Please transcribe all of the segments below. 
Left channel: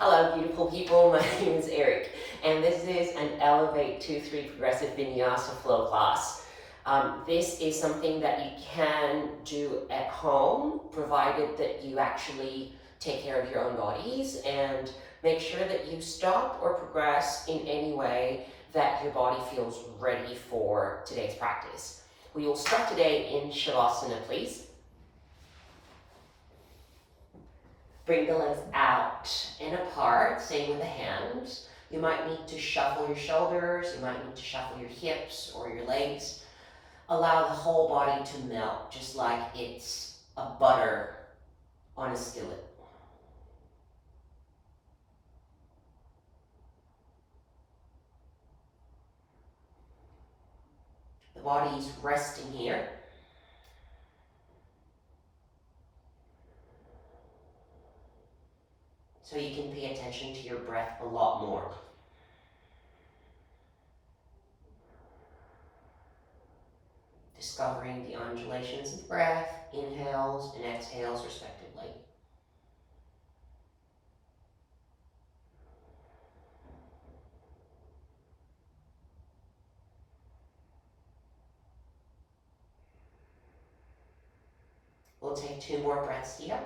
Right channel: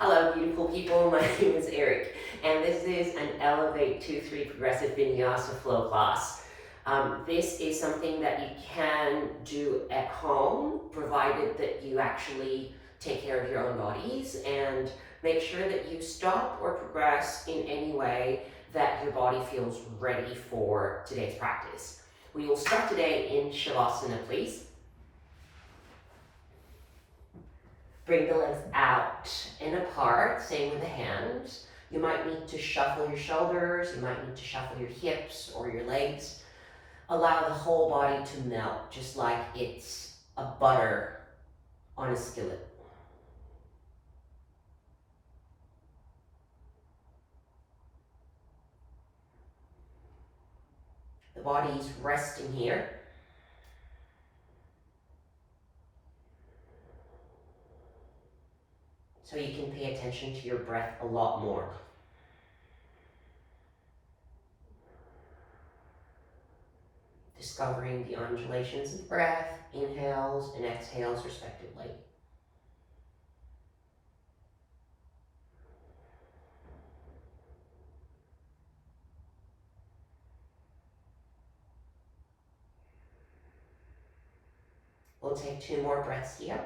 Hello, beautiful people. My name is Eric, and this is an Elevate 2-3 Progressive Vinyasa flow class. This is something that you can do at home, provided that you actually take care of your own bodies and make sure that you stop or progress in any way that your body feels ready for today's practice. We will start today in Shavasana, please. Bring the legs out and apart, same with the hands. You might need to shuffle your shoulders, you might need to shuffle your hips or your legs. Allow the whole body to melt, just like it's a butter on a skillet. The body's resting here. So you can pay attention to your breath a lot more. Discovering the undulations of breath, inhales and exhales respectively. We'll take 2 more breaths here.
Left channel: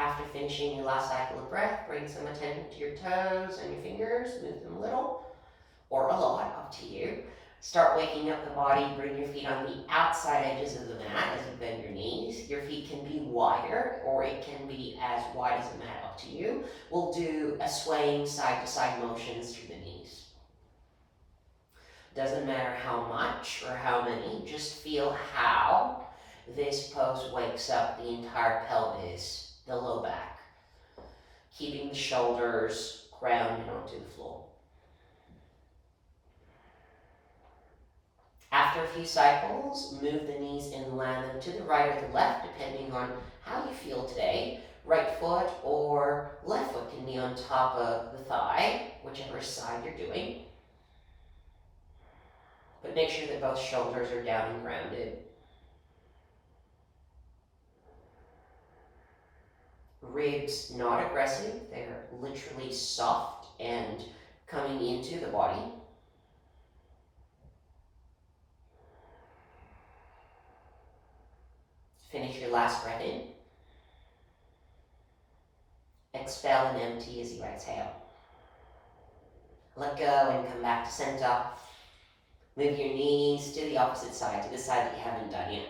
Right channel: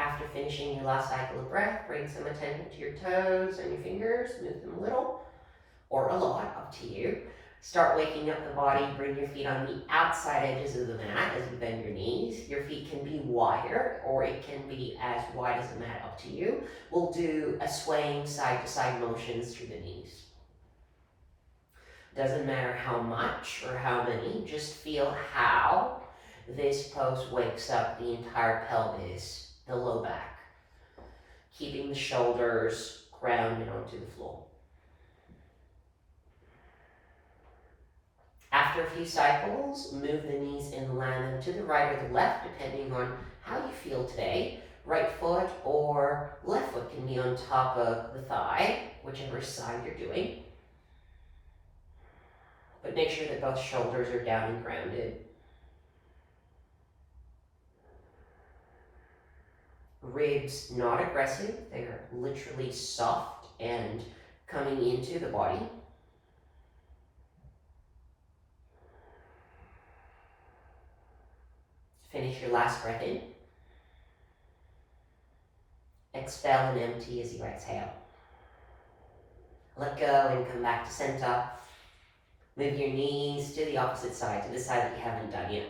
After finishing your last cycle of breath, bring some attention to your toes and your fingers, move them a little or a lot, up to you. Start waking up the body, bring your feet on the outside edges of the mat as you bend your knees. Your feet can be wider or it can be as wide as the mat, up to you. We'll do a swaying side to side motions through the knees. Doesn't matter how much or how many, just feel how this pose wakes up the entire pelvis, the low back, keeping the shoulders grounded onto the floor. After a few cycles, move the knees and land them to the right or the left, depending on how you feel today. Right foot or left foot can be on top of the thigh, whichever side you're doing. But make sure that both shoulders are down and grounded. Ribs not aggressive, they're literally soft and coming into the body. Finish your last breath in. Expel and empty as you exhale. Let go and come back to center. Move your knees to the opposite side, to the side that you haven't done yet.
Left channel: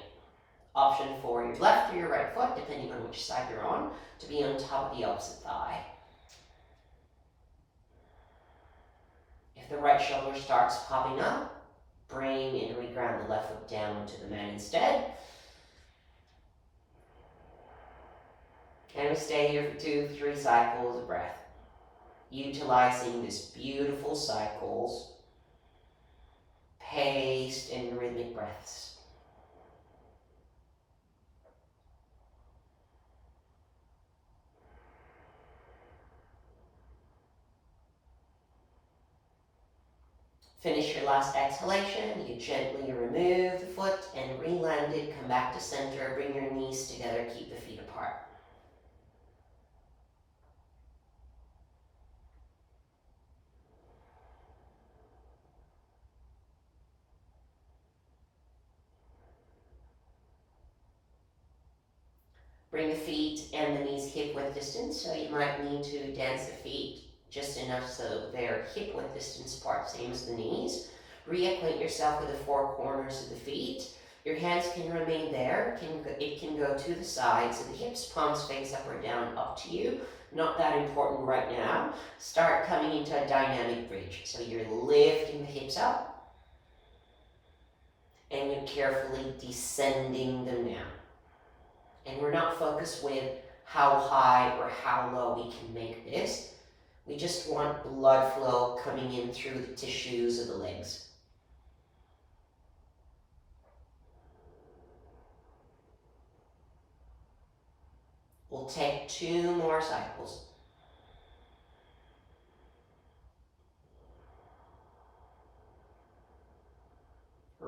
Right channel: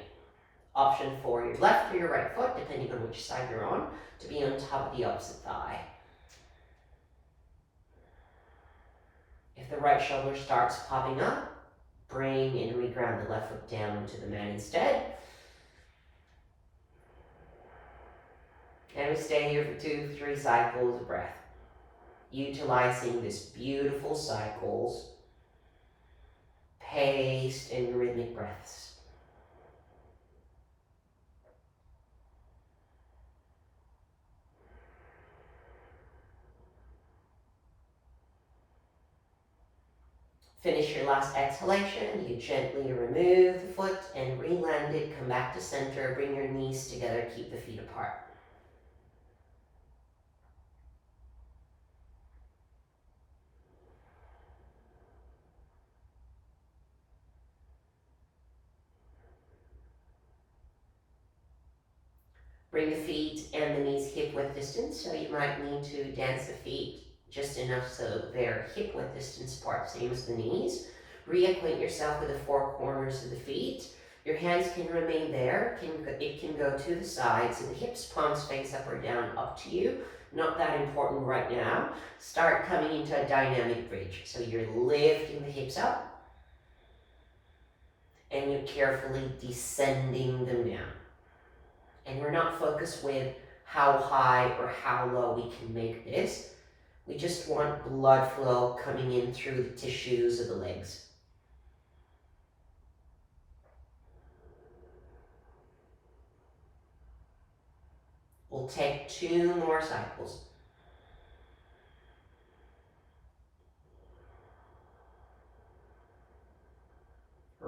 Option for your left or your right foot, depending on which side you're on, to be on top of the opposite thigh. If the right shoulder starts popping up, bring and reground the left foot down to the mat instead. And we stay here for 2-3 cycles of breath, utilizing this beautiful cycles, paced and rhythmic breaths. Finish your last exhalation. You gently remove the foot and re-land it. Come back to center. Bring your knees together. Keep the feet apart. Bring the feet and the knees hip width distance. So you might need to dance the feet just enough so they're hip width distance apart, same as the knees. Reacquaint yourself with the 4 corners of the feet. Your hands can remain there. It can go to the sides, so the hips, palms face up or down, up to you. Not that important right now. Start coming into a dynamic bridge. So you're lifting the hips up and you're carefully descending them down. And we're not focused with how high or how low we can make this. We just want blood flow coming in through the tissues of the legs. We'll take 2 more cycles.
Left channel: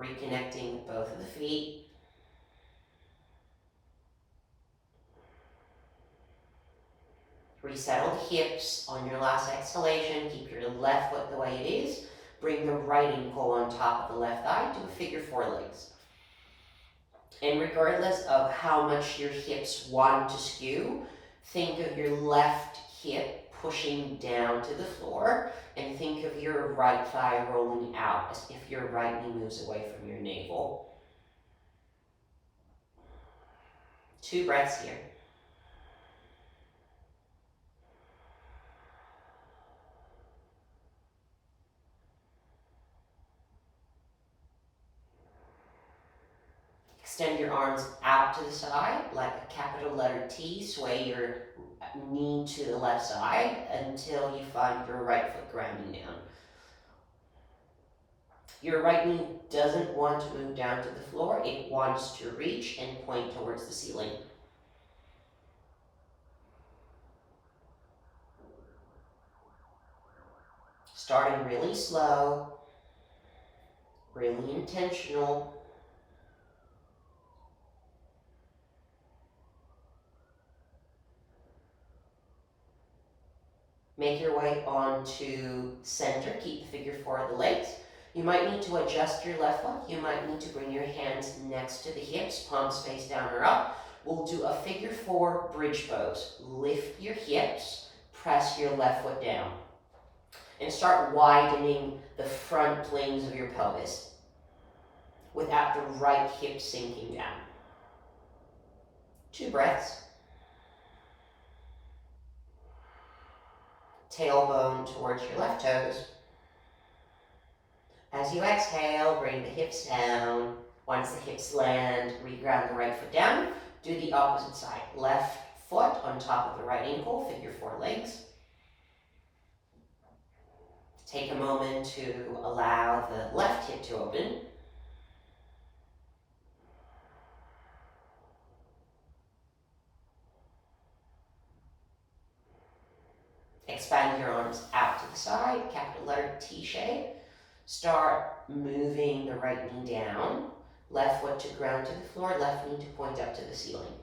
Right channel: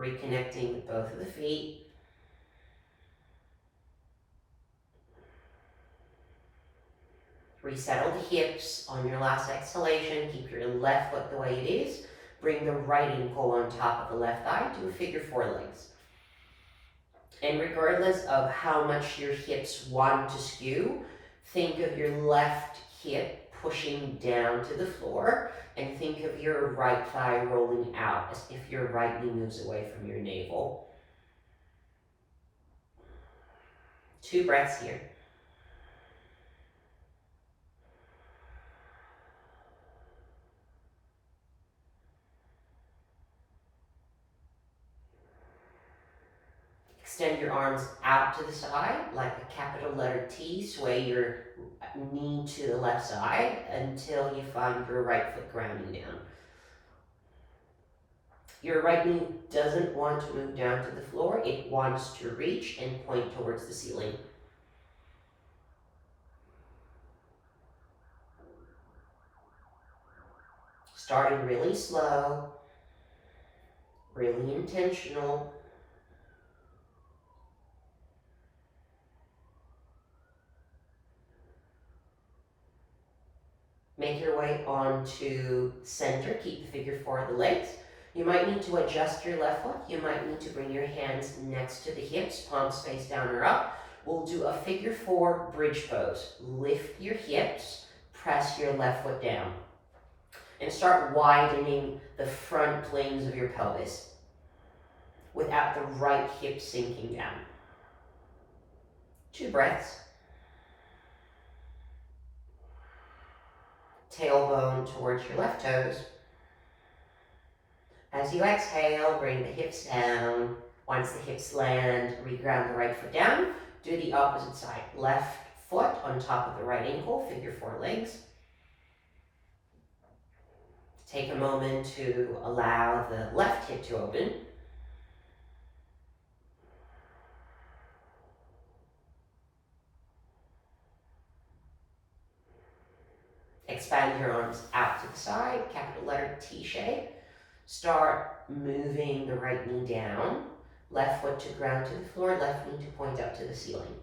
Reconnecting with both of the feet. Resettle the hips on your last exhalation. Keep your left foot the way it is. Bring the right ankle on top of the left thigh. Do a figure four legs. And regardless of how much your hips want to skew, think of your left hip pushing down to the floor, and think of your right thigh rolling out as if your right knee moves away from your navel. 2 breaths here. Extend your arms out to the side like a capital letter T. Sway your knee to the left side until you find your right foot grounding down. Your right knee doesn't want to move down to the floor. It wants to reach and point towards the ceiling. Starting really slow, really intentional. Make your way onto center. Keep the figure four of the legs. You might need to adjust your left foot. You might need to bring your hands next to the hips, palms face down or up. We'll do a figure four bridge pose. Lift your hips, press your left foot down, and start widening the front planes of your pelvis without the right hip sinking down. 2 breaths. Tailbone towards your left toes. As you exhale, bring the hips down. Once the hips land, reground the right foot down. Do the opposite side. Left foot on top of the right ankle, figure four legs. Take a moment to allow the left hip to open. Expand your arms out to the side, capital letter T shape. Start moving the right knee down, left foot to ground to the floor, left knee to point up to the ceiling.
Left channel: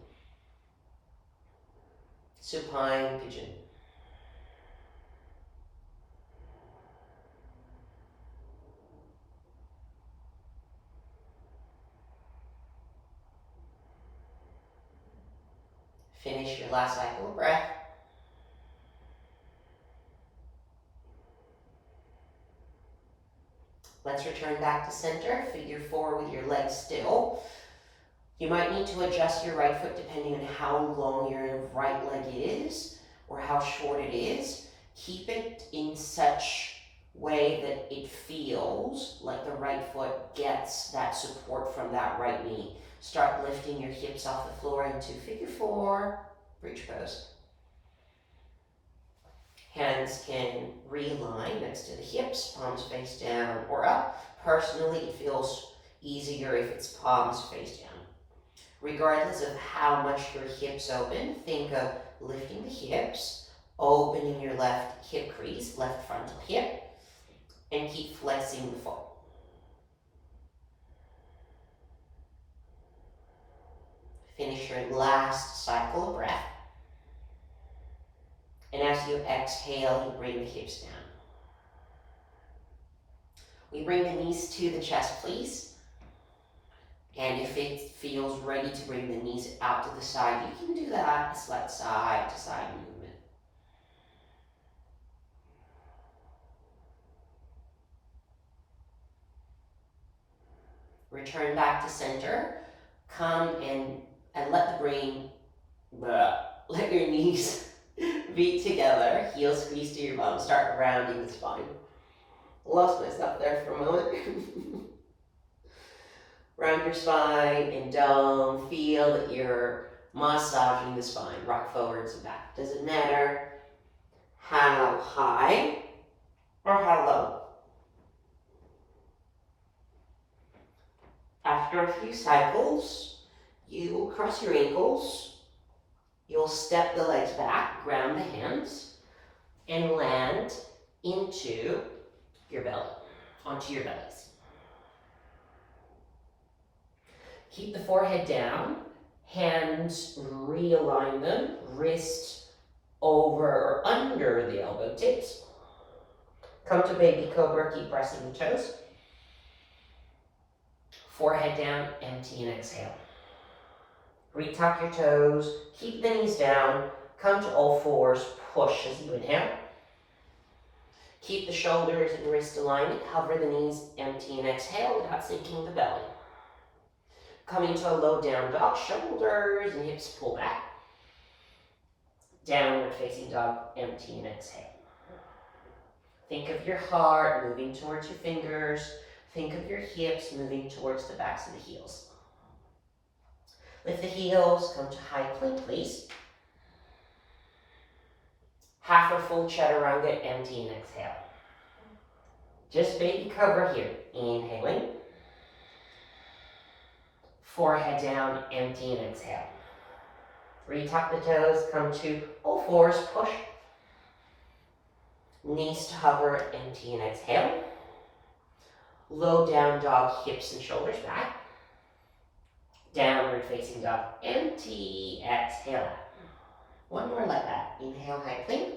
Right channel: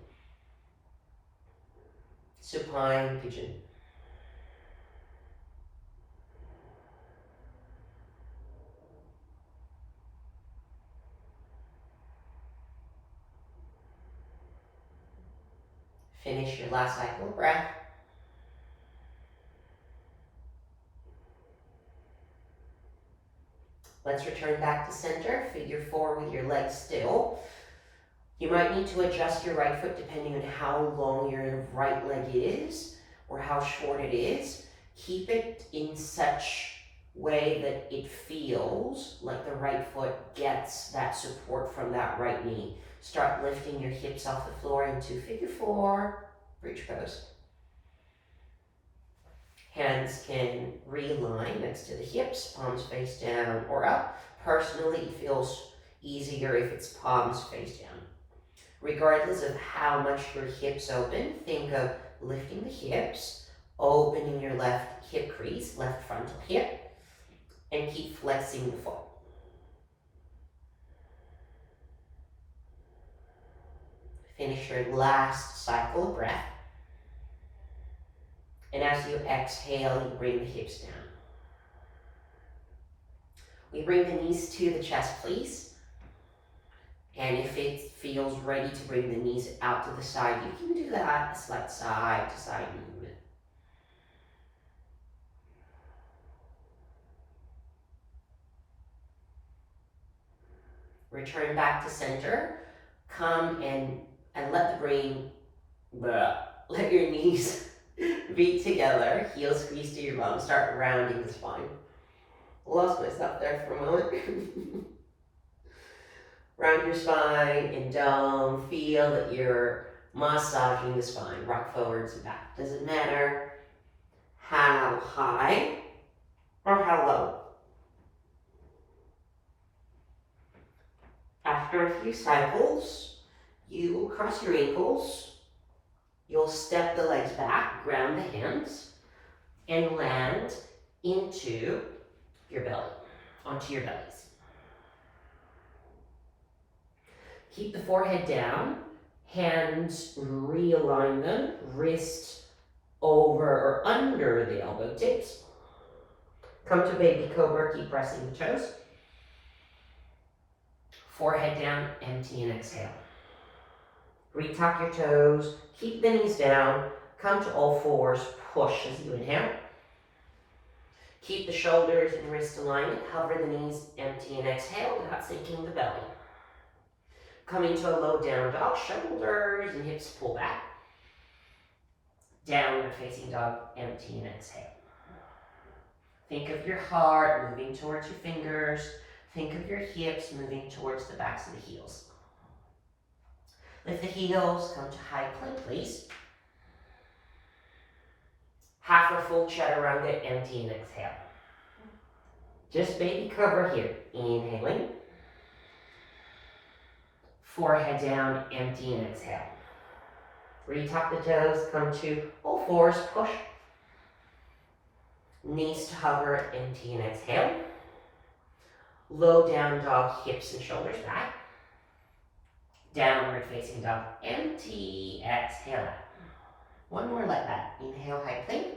Supine pigeon. Finish your last cycle of breath. Let's return back to center, figure four with your legs still. You might need to adjust your right foot depending on how long your right leg is or how short it is. Keep it in such way that it feels like the right foot gets that support from that right knee. Start lifting your hips off the floor into figure four, bridge pose. Hands can realign next to the hips, palms face down or up. Personally, it feels easier if it's palms face down. Regardless of how much your hips open, think of lifting the hips, opening your left hip crease, left frontal hip, and keep flexing the foot. Finish your last cycle of breath. And as you exhale, you bring the hips down. We bring the knees to the chest, please. And if it feels ready to bring the knees out to the side, you can do that. A slight side to side movement. Return back to center. Come and let the brain, let your knees beat together, heels squeeze to your bum, start rounding the spine. Lost myself there for a moment. Round your spine and dome, feel that you're massaging the spine, rock forwards and back. Doesn't matter how high or how low. After a few cycles, you will cross your ankles. You'll step the legs back, ground the hands, and land into your belly, onto your bellies. Keep the forehead down, hands realign them, wrist over or under the elbow tips. Come to baby cobra, keep pressing the toes. Forehead down, empty and exhale. Retuck your toes, keep the knees down, come to all fours, push as you inhale. Keep the shoulders and wrist alignment, hover the knees, empty and exhale without sinking the belly. Coming to a low down dog, shoulders and hips pull back. Downward facing dog, empty and exhale. Think of your heart moving towards your fingers. Think of your hips moving towards the backs of the heels. Lift the heels, come to high plank, please. Half or full chaturanga, empty and exhale. Just baby cobra here. Inhaling. Forehead down, empty and exhale. Retuck the toes, come to all fours, push. Knees to hover, empty and exhale. Low down dog, hips and shoulders back. Downward facing dog, empty, exhale. One more like that. Inhale, high plank.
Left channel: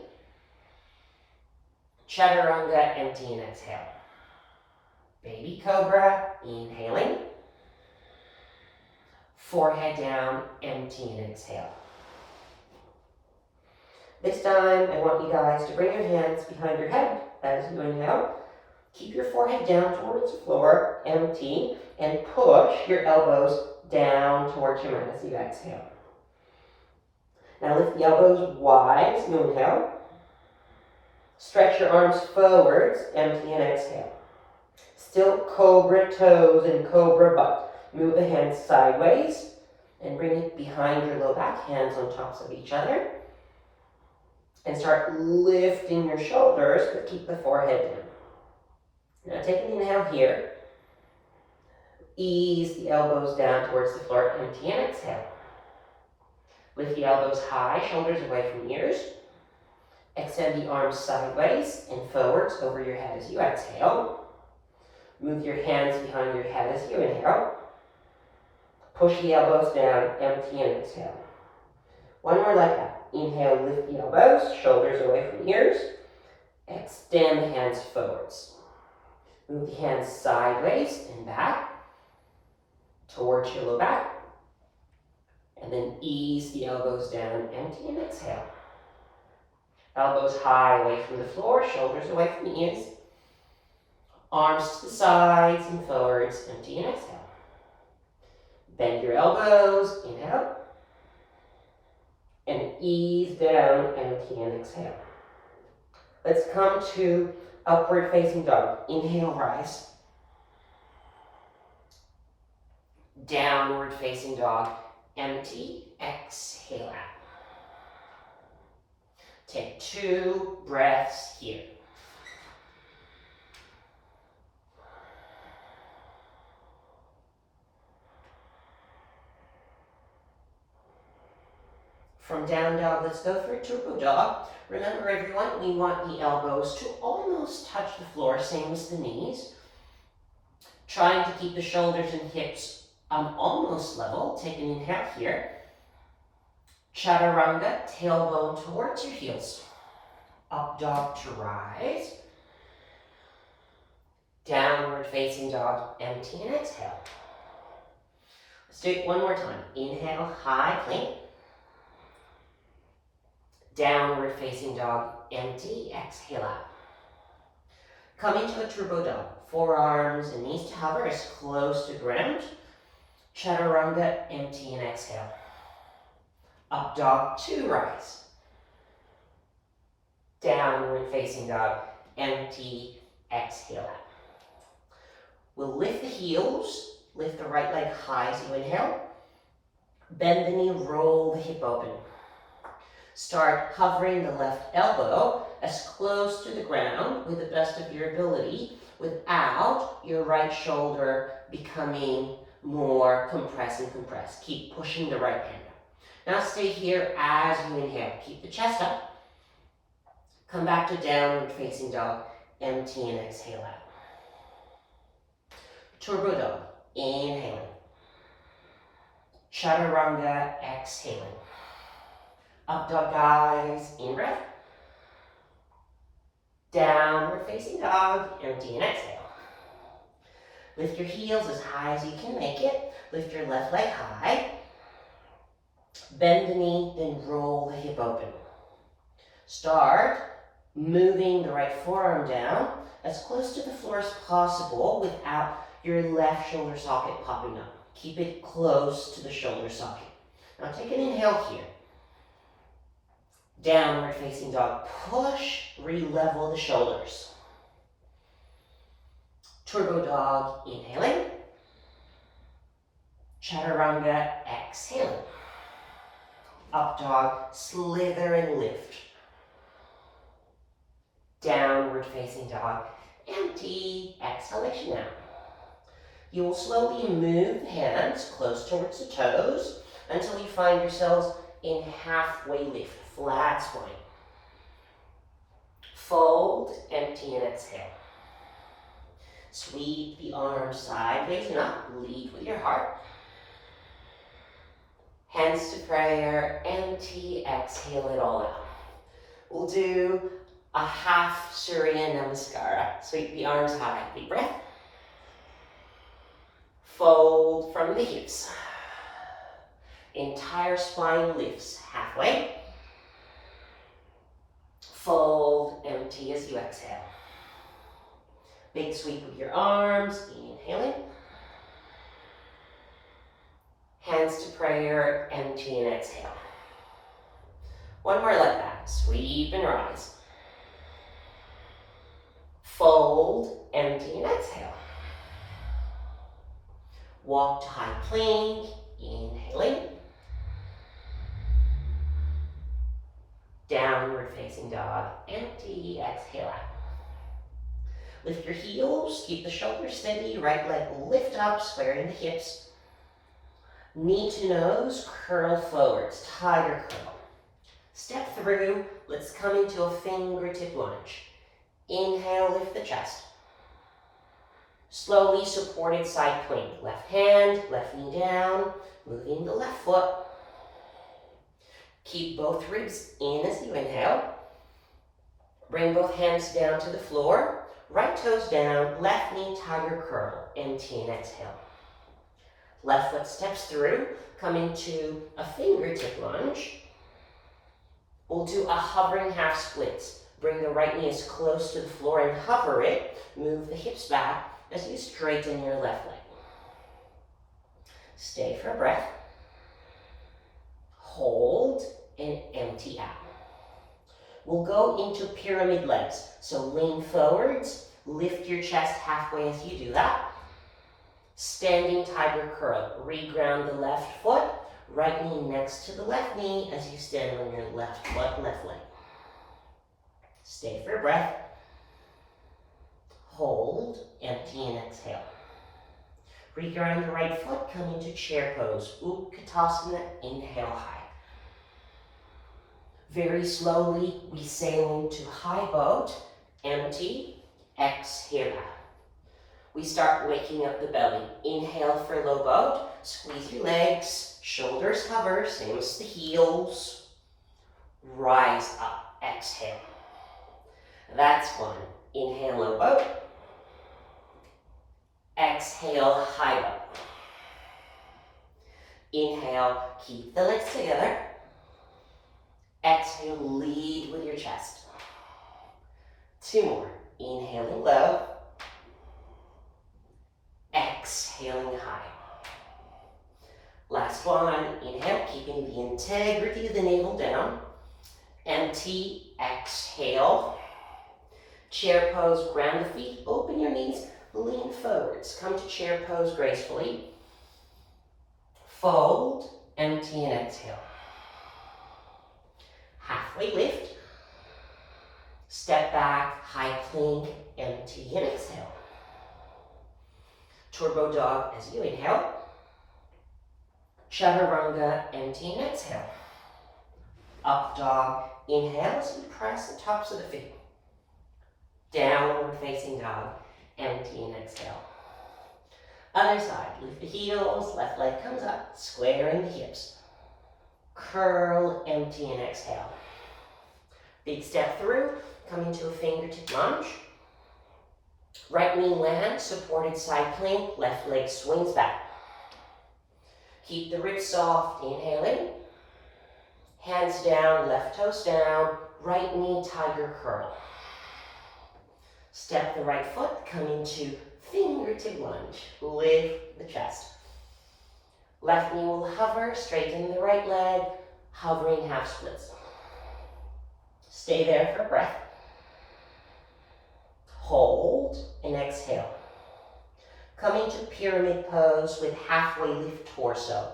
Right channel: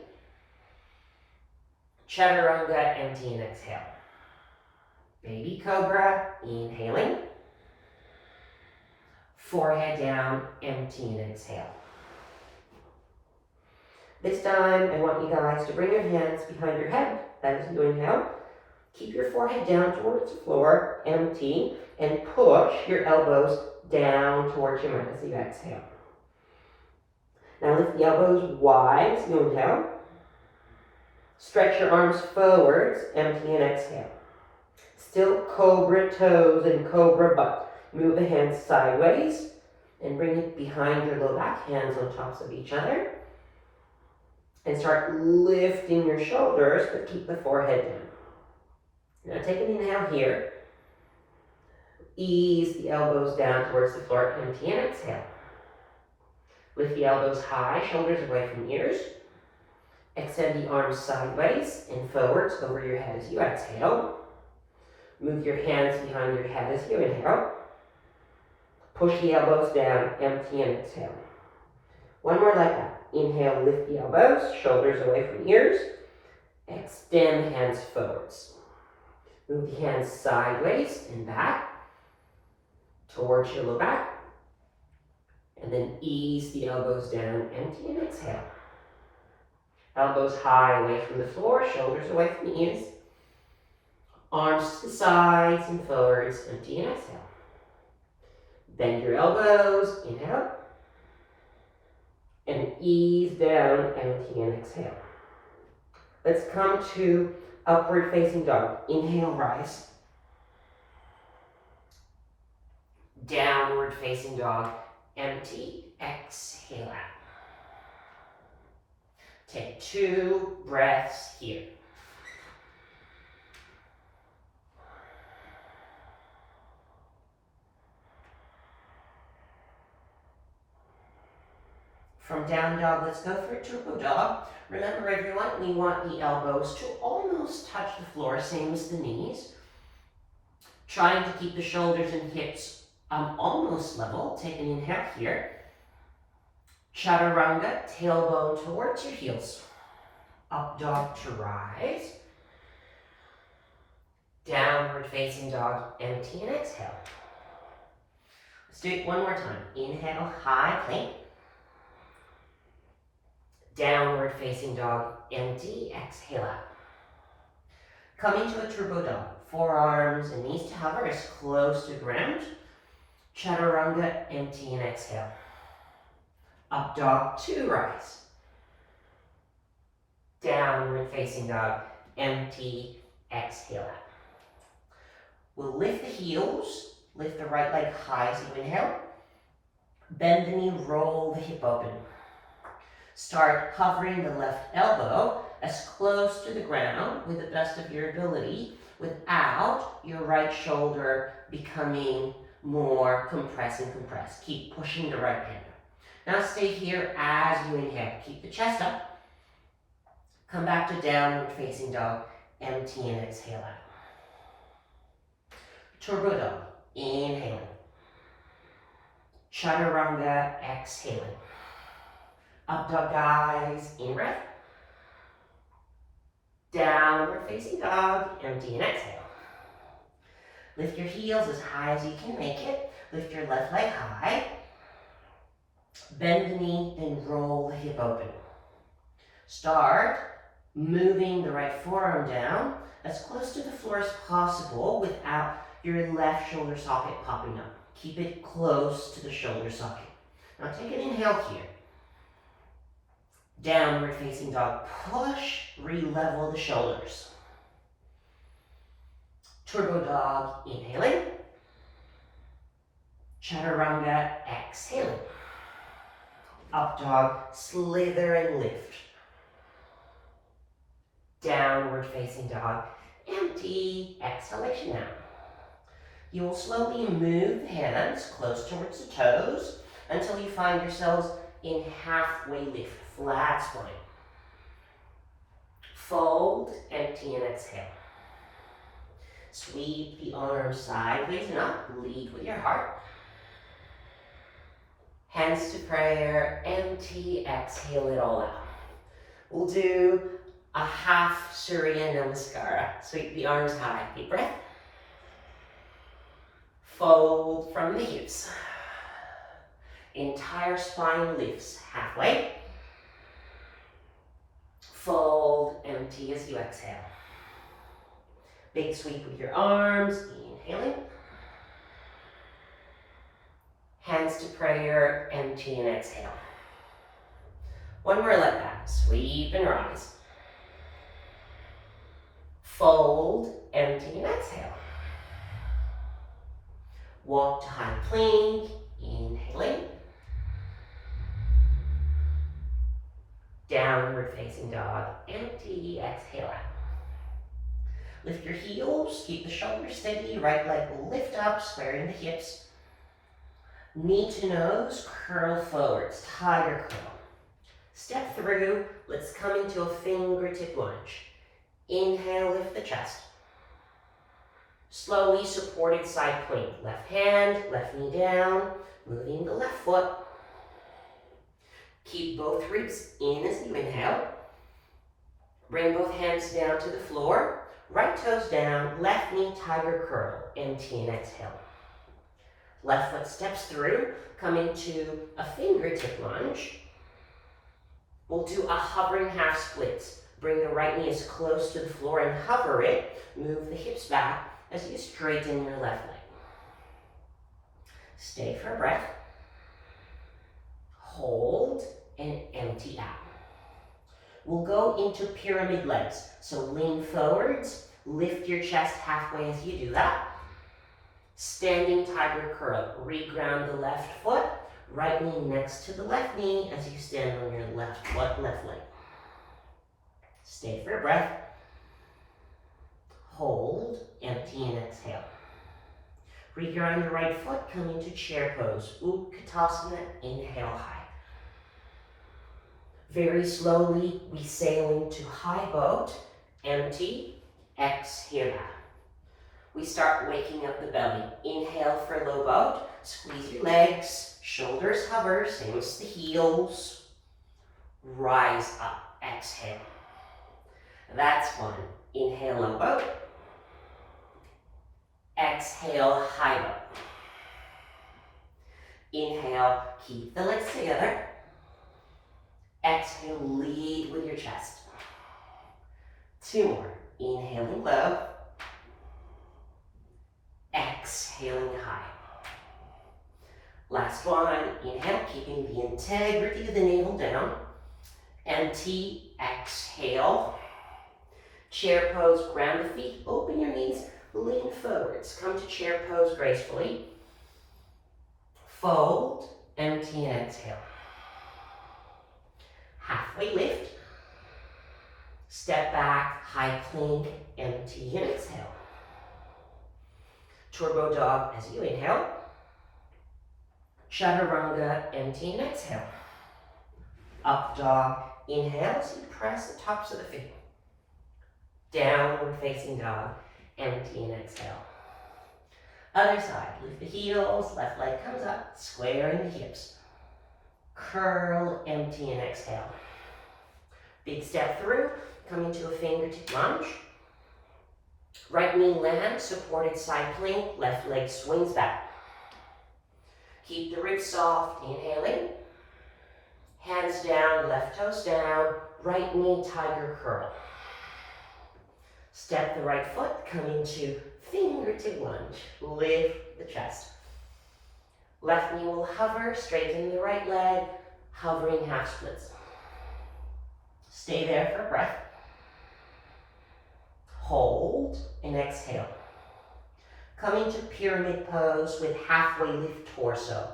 Chaturanga, empty and exhale. Baby cobra, inhaling. Forehead down, empty and exhale. This time, I want you guys to bring your hands behind your head as you inhale. Keep your forehead down towards the floor, empty, and push your elbows down towards your mat as you exhale. Now lift the elbows wide as you inhale. Stretch your arms forwards, empty and exhale. Still cobra toes and cobra butt. Move the hands sideways and bring it behind your low back, hands on tops of each other. And start lifting your shoulders, but keep the forehead down. Now take an inhale here. Ease the elbows down towards the floor, empty and exhale. Lift the elbows high, shoulders away from ears. Extend the arms sideways and forwards over your head as you exhale. Move your hands behind your head as you inhale. Push the elbows down, empty and exhale. One more like that. Inhale, lift the elbows, shoulders away from ears. Extend the hands forwards. Move the hands sideways and back towards your low back. And then ease the elbows down, empty and exhale. Elbows high away from the floor, shoulders away from the ears. Arms to the sides and forwards, empty and exhale. Bend your elbows, inhale. And ease down, empty and exhale. Let's come to upward facing dog. Inhale, rise. Downward facing dog, empty, exhale out. Take 2 breaths here. From down dog, let's go for a turbo dog. Remember everyone, we want the elbows to almost touch the floor, same as the knees. Trying to keep the shoulders and hips almost level. Take an inhale here. Chaturanga, tailbone towards your heels. Up dog to rise. Downward facing dog, empty and exhale. Let's do it one more time. Inhale, high plank. Downward facing dog, empty, exhale out. Coming to a turbo dog. Forearms and knees to hover as close to ground. Chaturanga, empty and exhale. Up dog to rise. Downward facing dog, empty, exhale out. We'll lift the heels, lift the right leg high as you inhale. Bend the knee, roll the hip open. Start hovering the left elbow as close to the ground with the best of your ability without your right shoulder becoming more compressed and compressed. Keep pushing the right hand. Now stay here as you inhale. Keep the chest up. Come back to downward facing dog. Empty and exhale out. Turbo dog. Inhaling. Chaturanga, exhaling. Up dog, guys, in breath. Downward facing dog, empty and exhale. Lift your heels as high as you can make it. Lift your left leg high. Bend the knee, then roll the hip open. Start moving the right forearm down as close to the floor as possible without your left shoulder socket popping up. Keep it close to the shoulder socket. Now take an inhale here. Downward facing dog, push, re-level the shoulders. Turbo dog, inhaling. Chaturanga, exhaling. Up dog, slither and lift. Downward facing dog, empty, exhalation out. You will slowly move the hands close towards the toes until you find yourselves in halfway lift, flat spine. Fold, empty and exhale. Sweep the arms sideways and up, lead with your heart. Hands to prayer, empty, exhale it all out. We'll do a half Surya Namaskara. Sweep the arms high, deep breath. Fold from the hips. Entire spine lifts halfway. Fold, empty as you exhale. Big sweep with your arms, inhaling. Hands to prayer, empty and exhale. One more like that, sweep and rise. Fold, empty and exhale. Walk to high plank, inhaling. Downward facing dog, empty, exhale out. Lift your heels, keep the shoulders steady, right leg will lift up, squaring the hips. Knee to nose, curl forwards, tiger curl. Step through, let's come into a fingertip lunge. Inhale, lift the chest. Slowly supported side plank. Left hand, left knee down, moving the left foot. Keep both ribs in as you inhale. Bring both hands down to the floor. Right toes down, left knee tiger curl, empty and exhale. Left foot steps through, come into a fingertip lunge. We'll do a hovering half splits. Bring the right knee as close to the floor and hover it. Move the hips back as you straighten your left leg. Stay for a breath. Hold and empty out. We'll go into pyramid legs. So lean forwards, lift your chest halfway as you do that. Standing tiger curl, reground the left foot, right knee next to the left knee as you stand on your left foot, left leg. Stay for a breath. Hold, empty and exhale. Reground the right foot, come into chair pose. Utkatasana, inhale high. Very slowly, we sail into high boat, empty, exhale out. We start waking up the belly. Inhale for low boat, squeeze your legs, shoulders hover, same as the heels. Rise up, exhale. That's one. Inhale, low boat. Exhale, high boat. Inhale, keep the legs together. Exhale, lead with your chest. Two more. Inhaling low. Exhaling high. Last one. Inhale, keeping the integrity of the navel down. Empty, exhale. Chair pose, ground the feet, open your knees, lean forwards. Come to chair pose gracefully. Fold, empty and exhale. Halfway lift. Step back, high plank, empty and exhale. Turbo dog as you inhale. Chaturanga, empty and exhale. Up dog, inhale as you press the tops of the feet. Downward facing dog, empty and exhale. Other side, lift the heels, left leg comes up, squaring the hips. Curl, empty, and exhale. Big step through, come into a fingertip lunge. Right knee lands, supported side plank, left leg swings back. Keep the ribs soft, inhaling. Hands down, left toes down, right knee tiger curl. Step the right foot, come into fingertip lunge. Lift the chest. Left knee will hover, straighten the right leg, hovering half splits. Stay there for breath. Hold and exhale. Come into pyramid pose with halfway lift torso.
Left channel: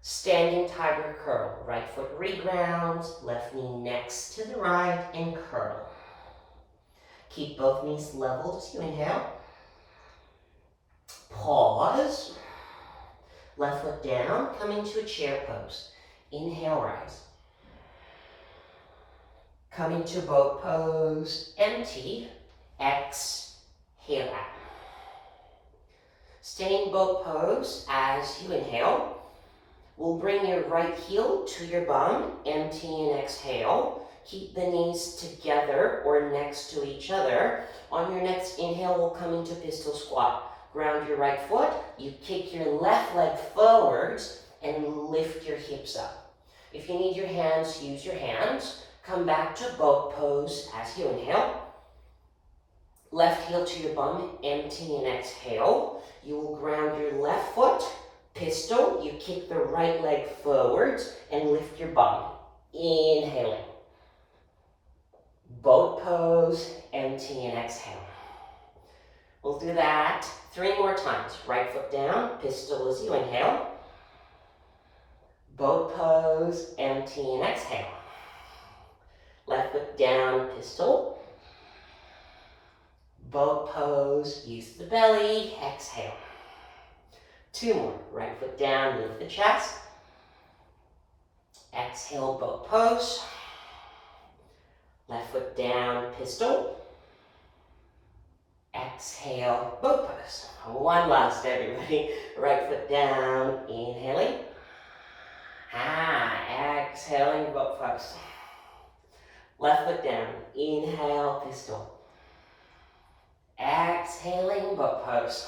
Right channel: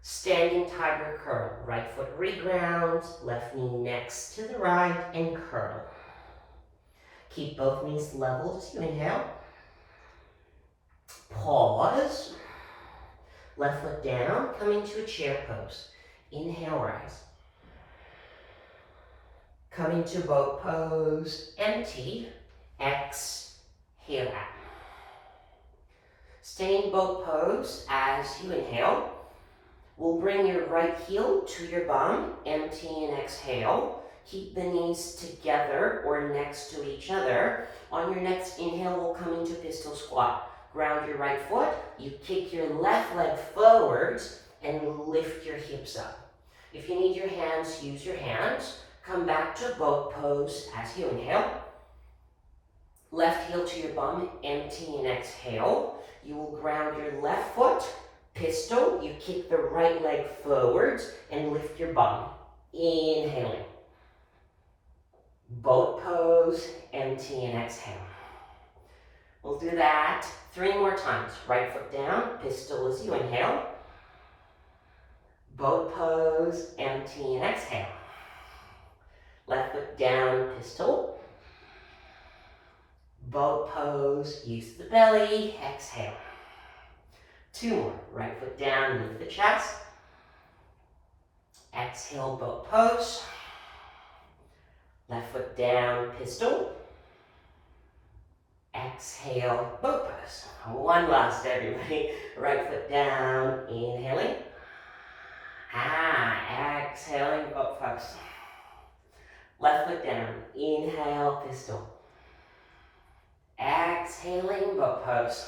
Standing tiger curl. Right foot regrounds, left knee next to the right and curl. Keep both knees leveled as you inhale. Pause. Left foot down, come into a chair pose. Inhale, rise. Come into boat pose, empty, exhale out. Stay in boat pose as you inhale. We'll bring your right heel to your bum, empty and exhale. Keep the knees together or next to each other. On your next inhale, we'll come into pistol squat. Ground your right foot, you kick your left leg forwards and lift your hips up. If you need your hands, use your hands. Come back to boat pose as you inhale. Left heel to your bum, empty and exhale. You will ground your left foot, pistol, you kick the right leg forwards and lift your bum. Inhaling. Boat pose, empty and exhale. We'll do that 3 more times. Right foot down, pistol as you inhale. Boat pose, empty and exhale. Left foot down, pistol. Boat pose, use the belly, exhale. 2 more. Right foot down, lift the chest. Exhale, boat pose. Left foot down, pistol. Exhale, boat pose. 1 last, everybody. Right foot down, inhaling. Exhaling, boat pose. Left foot down, inhale, pistol. Exhaling, boat pose.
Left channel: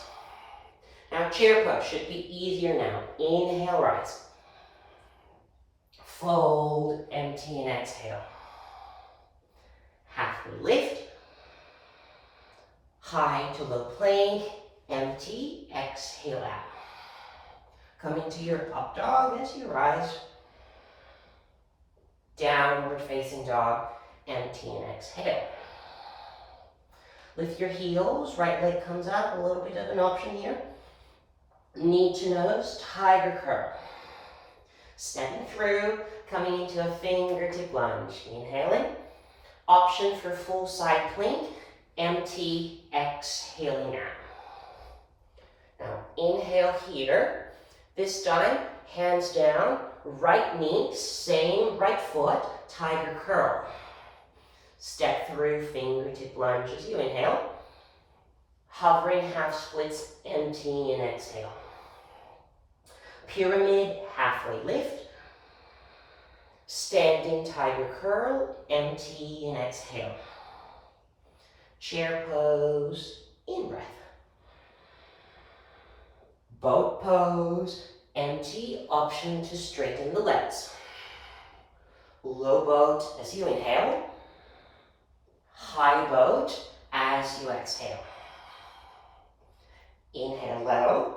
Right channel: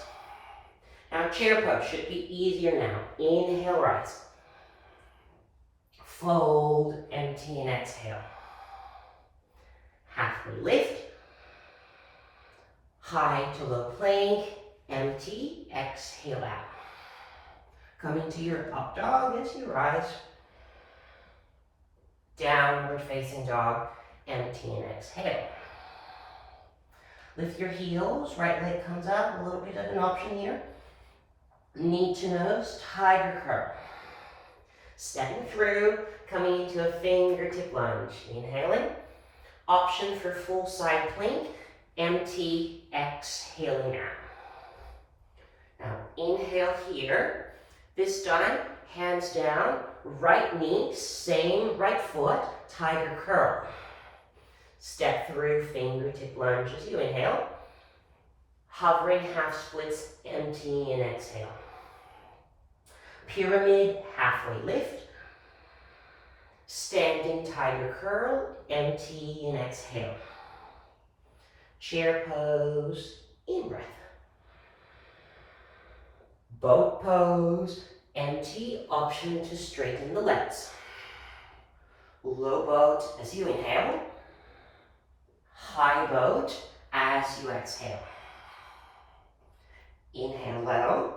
Now chair pose should be easier now. Inhale, rise. Fold, empty, and exhale. Halfway lift. High to low plank, empty, exhale out. Come into your up dog as you rise. Downward facing dog, empty and exhale. Lift your heels, right leg comes up, a little bit of an option here. Knee to nose, tiger curl. Stepping through, coming into a fingertip lunge. Inhaling. Option for full side plank, empty, exhaling out. Now inhale here. This time, hands down, right knee, same right foot, tiger curl. Step through, fingertip lunge as you inhale. Hovering half splits, empty and exhale. Pyramid, halfway lift. Standing tiger curl, empty and exhale. Chair pose, in breath. Boat pose, empty, option to straighten the legs. Low boat as you inhale. High boat as you exhale. Inhale low.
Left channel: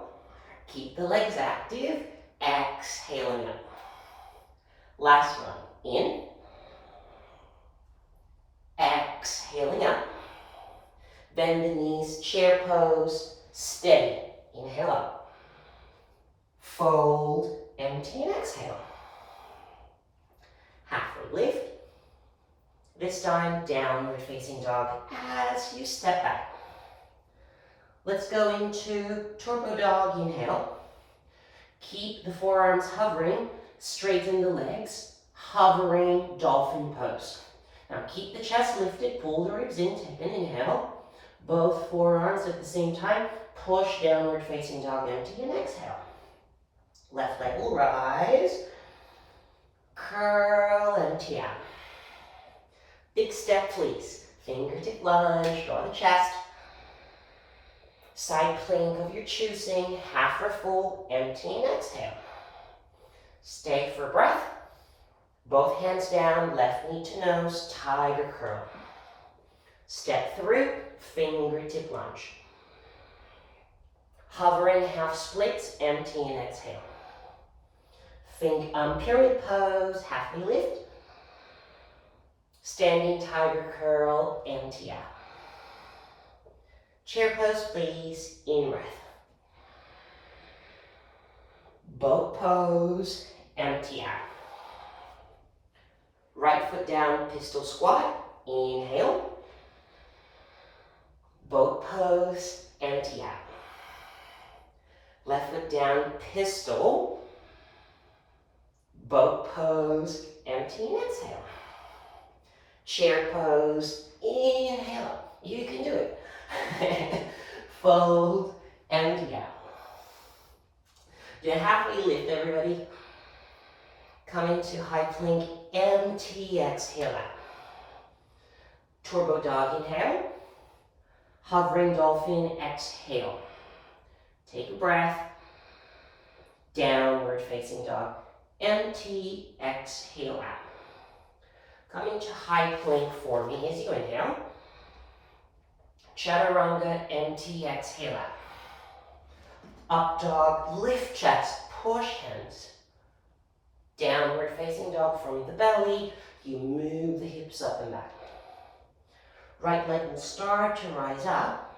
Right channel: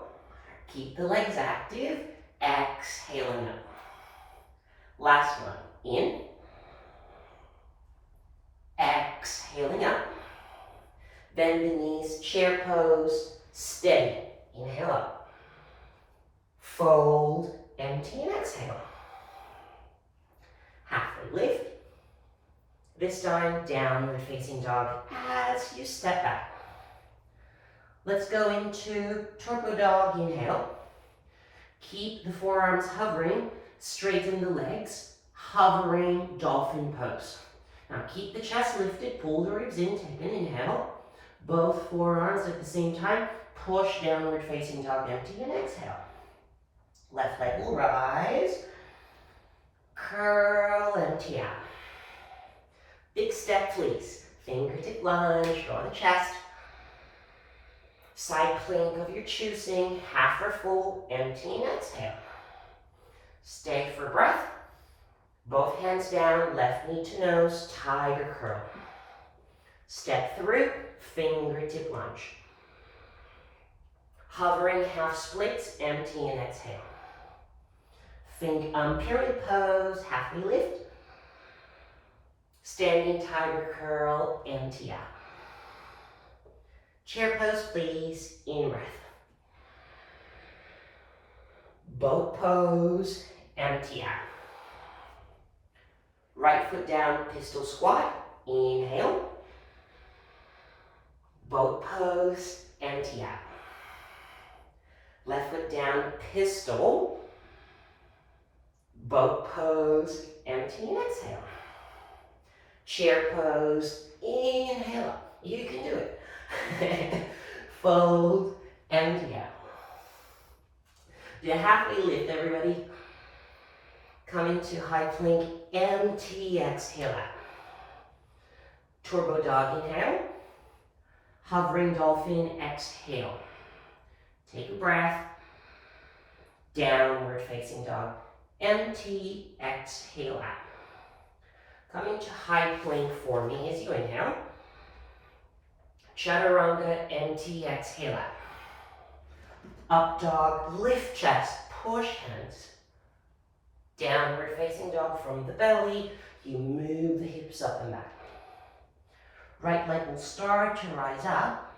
Keep the legs active. Exhaling up. Last one. In. Exhaling up. Bend the knees. Chair pose. Steady. Inhale up. Fold. Empty and exhale. Halfway lift. This time, downward facing dog as you step back. Let's go into torpedo dog, inhale. Keep the forearms hovering, straighten the legs, hovering dolphin pose. Now keep the chest lifted, pull the ribs in, take an inhale. Both forearms at the same time, push downward facing dog, empty, and exhale. Left leg will rise, curl, empty out. Big step, please. Fingertip lunge, draw the chest. Side plank of your choosing, half or full, empty and exhale. Stay for breath. Both hands down, left knee to nose, tiger curl. Step through, fingertip lunge. Hovering half splits, empty and exhale. Period pose, half knee lift. Standing tiger curl, empty out. Chair pose, please, in breath. Boat pose, empty out. Right foot down, pistol squat, inhale. Boat pose, empty out. Left foot down, pistol. Boat pose, empty and exhale. Chair pose, inhale. You can do it. Fold, empty out. Do a halfway lift, everybody. Come into high plank, empty, exhale out. Turbo dog, inhale. Hovering dolphin, exhale. Take a breath. Downward facing dog, empty, exhale out. Come into high plank for me as you inhale. Chaturanga, empty, exhale out. Up dog, lift chest, push hands. Downward facing dog from the belly. You move the hips up and back. Right leg will start to rise up.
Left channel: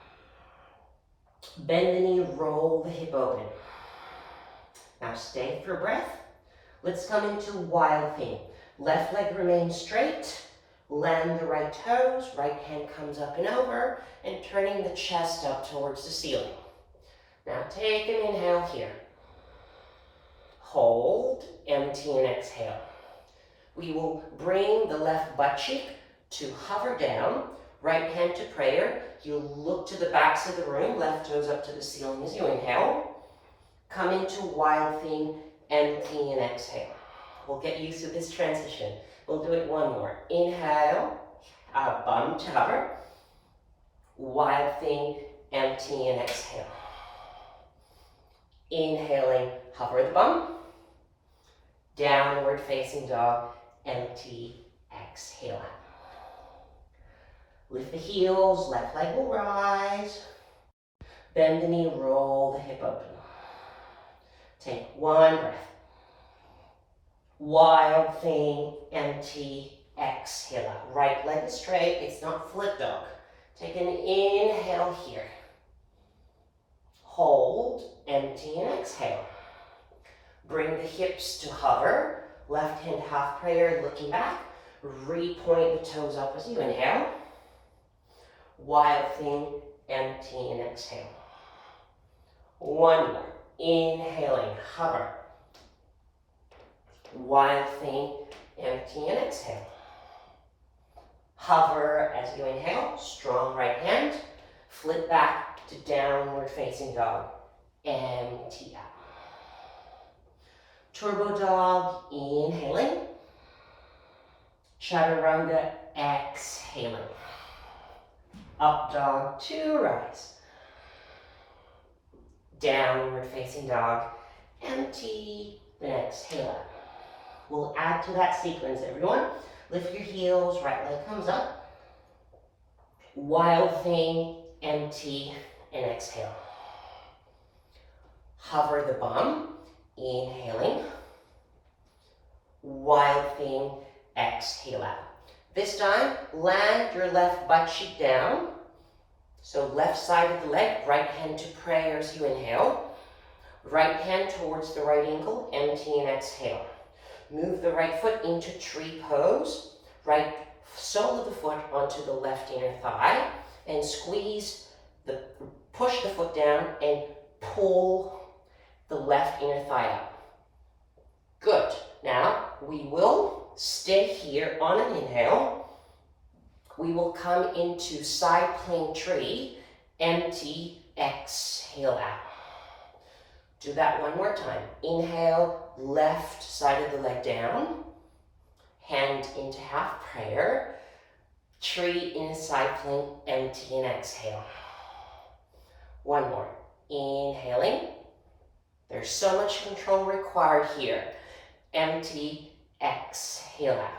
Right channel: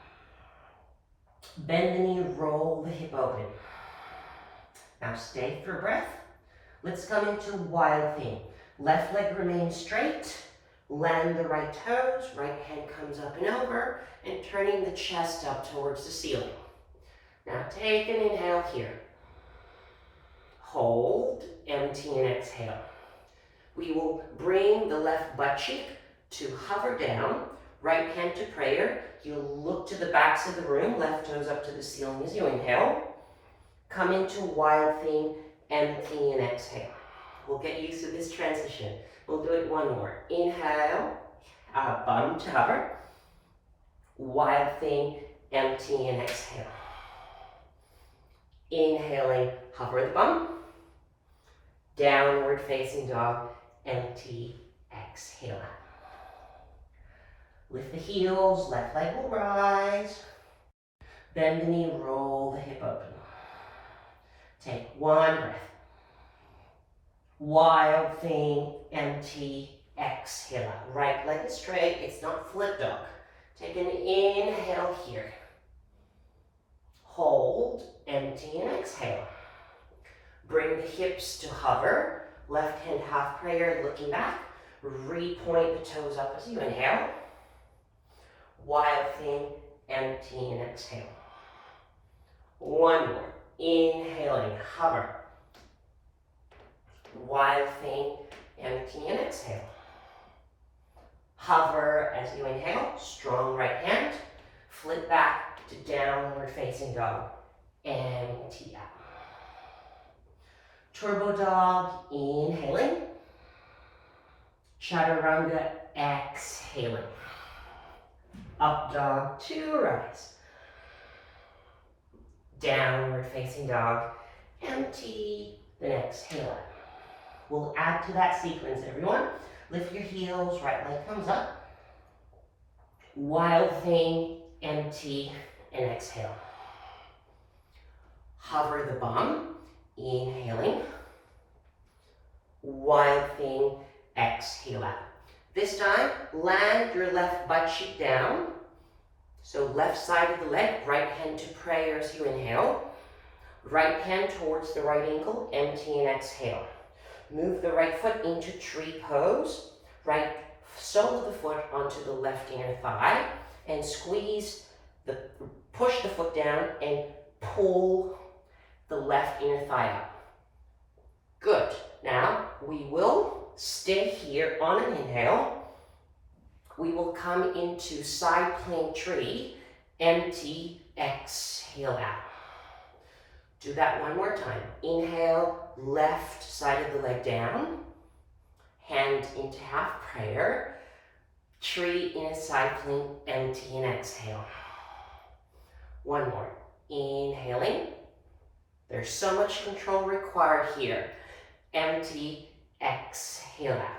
Bend the knee, roll the hip open. Now stay for breath. Let's come into wild thing. Left leg remains straight. Land the right toes. Right hand comes up and over. And turning the chest up towards the ceiling. Now take an inhale here. Hold, empty, and exhale. We will bring the left butt cheek to hover down. Right hand to prayer. You look to the backs of the room. Left toes up to the ceiling as you inhale. Come into wild thing, empty, and exhale. We'll get used to this transition. We'll do it one more. Inhale, bum to hover. Wild thing, empty, and exhale. Inhaling, hover the bum. Downward facing dog, empty, exhale out. Lift the heels, left leg will rise. Bend the knee, roll the hip open. Take one breath. Wild thing, empty, exhale out. Right leg is straight, it's not flip dog. Take an inhale here. Hold, empty, and exhale. Bring the hips to hover. Left hand half prayer, looking back. Repoint the toes up as you inhale. Wild thing, empty, and exhale. One more. Inhaling, hover. Wild thing, empty, and exhale. Hover as you inhale. Strong right hand. Flip back to downward facing dog. Empty out. Turbo dog, inhaling. Chaturanga, exhaling. Up dog to rise. Downward facing dog, empty, then exhale out. We'll add to that sequence, everyone. Lift your heels, right leg comes up. Wild thing, empty, and exhale. Hover the bum, inhaling. Wild thing, exhale out. This time, land your left butt cheek down. So left side of the leg, right hand to prayer as you inhale. Right hand towards the right ankle, empty and exhale. Move the right foot into tree pose. Right sole of the foot onto the left inner thigh. And push the foot down and pull the left inner thigh up. Good. Now we will stay here on an inhale. We will come into side plank tree, empty, exhale out. Do that one more time. Inhale, left side of the leg down. Hand into half prayer. Tree in a side plank, empty and exhale. One more. Inhaling. There's so much control required here. Empty, exhale out.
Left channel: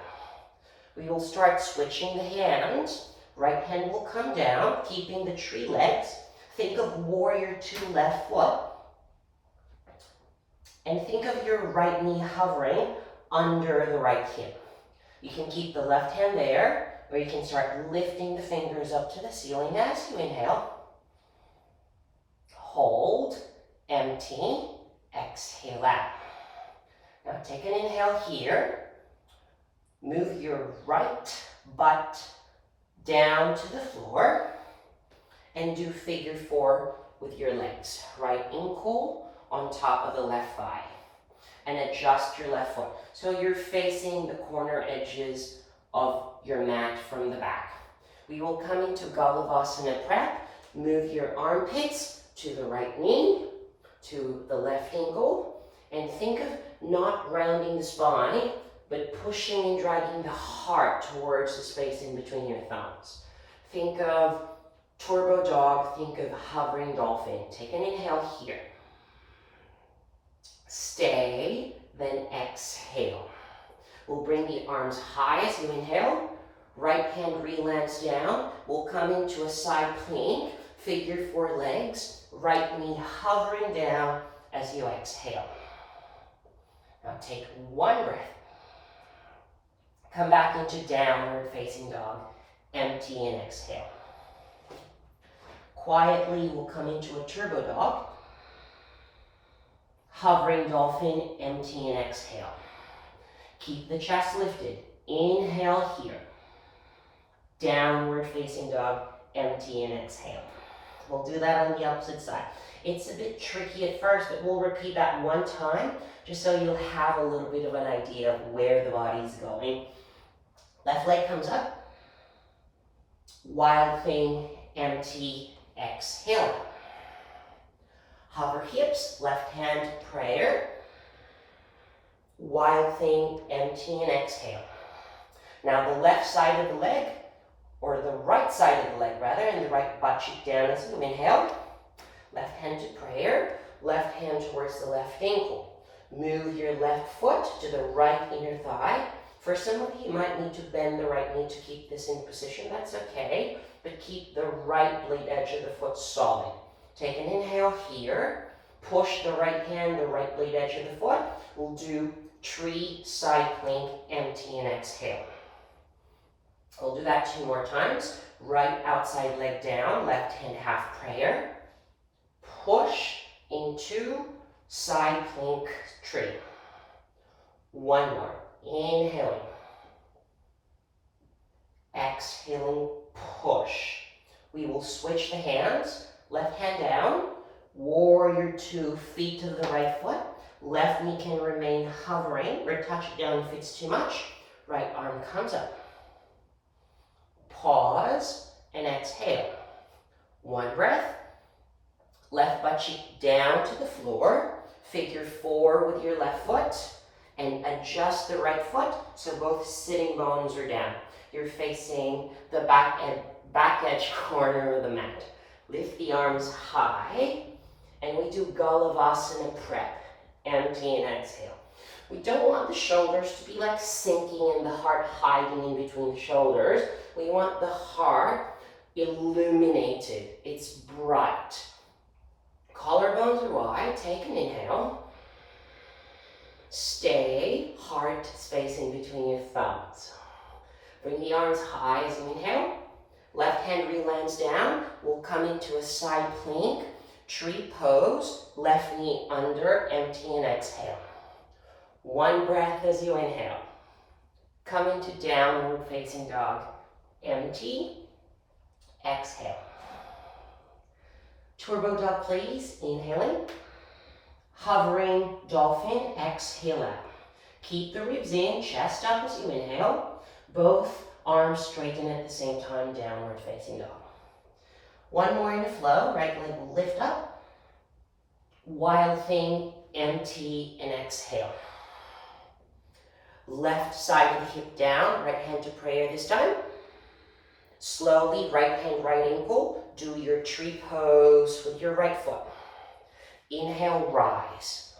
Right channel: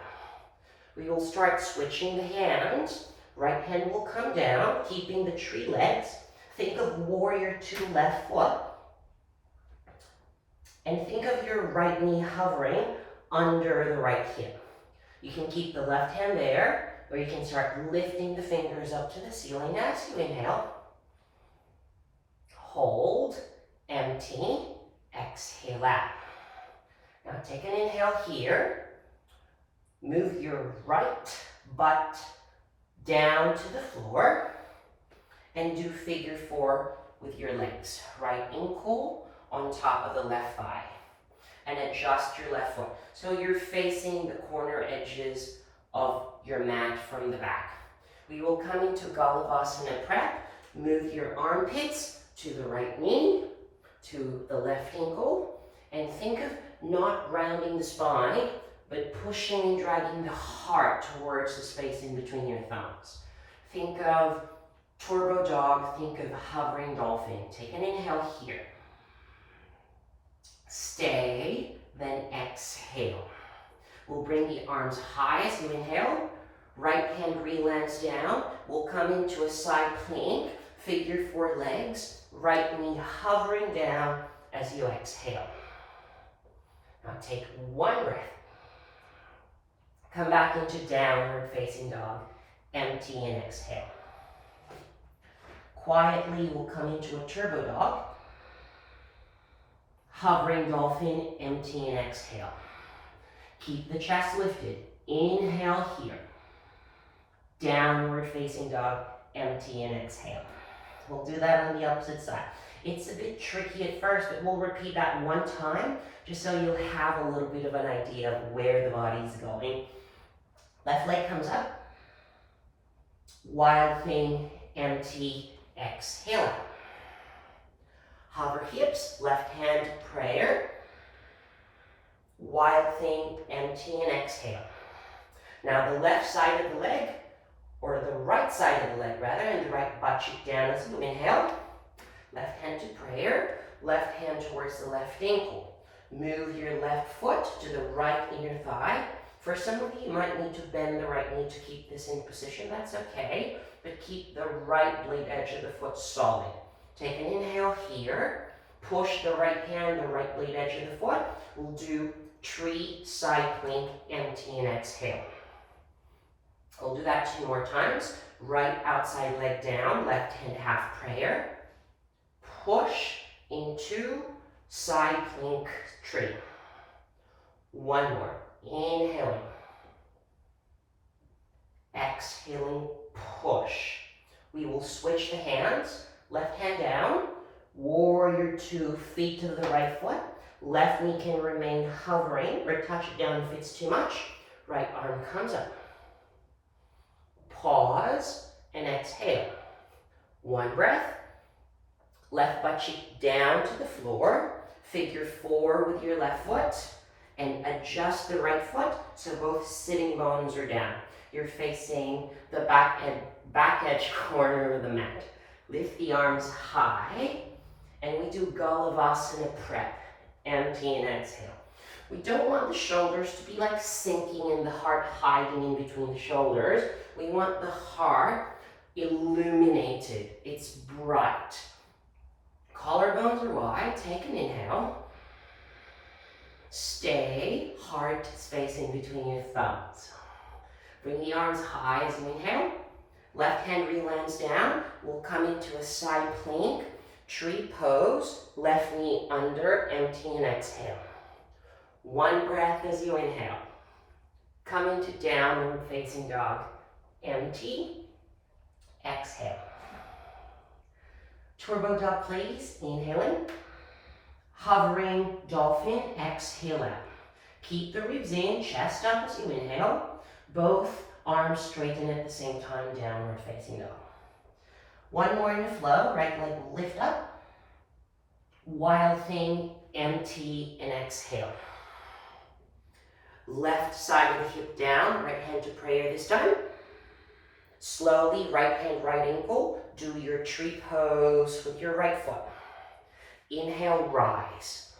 We will start switching the hands. Right hand will come down, keeping the tree legs. Think of warrior two left foot. And think of your right knee hovering under the right hip. You can keep the left hand there, or you can start lifting the fingers up to the ceiling as you inhale. Hold, empty, exhale out. Now take an inhale here. Move your right butt down to the floor and do figure four with your legs. Right ankle on top of the left thigh. And adjust your left foot. So you're facing the corner edges of your mat from the back. We will come into Galavasana prep. Move your armpits to the right knee, to the left ankle, and think of not rounding the spine, but pushing and dragging the heart towards the space in between your thumbs. Think of turbo dog, think of hovering dolphin. Take an inhale here. Stay, then exhale. We'll bring the arms high as you inhale. Right hand re-lands down. We'll come into a side plank, figure four legs. Right knee hovering down as you exhale. Now take one breath. Come back into downward facing dog. Empty and exhale. Quietly, we'll come into a turbo dog. Hovering dolphin, empty and exhale. Keep the chest lifted. Inhale here. Downward facing dog, empty and exhale. We'll do that on the opposite side. It's a bit tricky at first, but we'll repeat that one time just so you'll have a little bit of an idea of where the body's going. Left leg comes up. Wild thing, empty, exhale. Hover hips, left hand prayer. Wild thing, empty and exhale. Now the left side of the leg, or the right side of the leg rather, and the right butt cheek down as you inhale. Left hand to prayer, left hand towards the left ankle. Move your left foot to the right inner thigh. For some of you, you might need to bend the right knee to keep this in position. That's okay, but keep the right blade edge of the foot solid. Take an inhale here. Push the right hand, the right blade edge of the foot. We'll do tree, side plank, empty and exhale. We'll do that 2 more times. Right outside leg down, left hand half prayer. Push into side plank tree. 1 more. Inhaling. Exhaling, push. We will switch the hands. Left hand down. Warrior 2, feet to the right foot. Left knee can remain hovering or touch it down if it's too much. Right arm comes up. Pause and exhale. 1 breath. Left butt cheek down to the floor. Figure 4 with your left foot. And adjust the right foot so both sitting bones are down. You're facing the back edge corner of the mat. Lift the arms high. And we do Galavasana prep. Empty and exhale. We don't want the shoulders to be like sinking and the heart hiding in between the shoulders. We want the heart illuminated. It's bright. Collarbones are wide. Take an inhale. Stay, heart space in between your thumbs. Bring the arms high as you inhale. Left hand re-lands down. We'll come into a side plank. Tree pose. Left knee under, empty and exhale. 1 breath as you inhale. Come into downward facing dog. Empty. Exhale. Turbo dog, please. Inhaling. Hovering dolphin. Exhale out. Keep the ribs in, chest up as you inhale. Both arms straighten at the same time, downward facing dog. One more in the flow, right leg will lift up. Wild thing, empty, and exhale. Left side of the hip down, right hand to prayer this time. Slowly, right hand, right ankle. Do your tree pose with your right foot. Inhale, rise.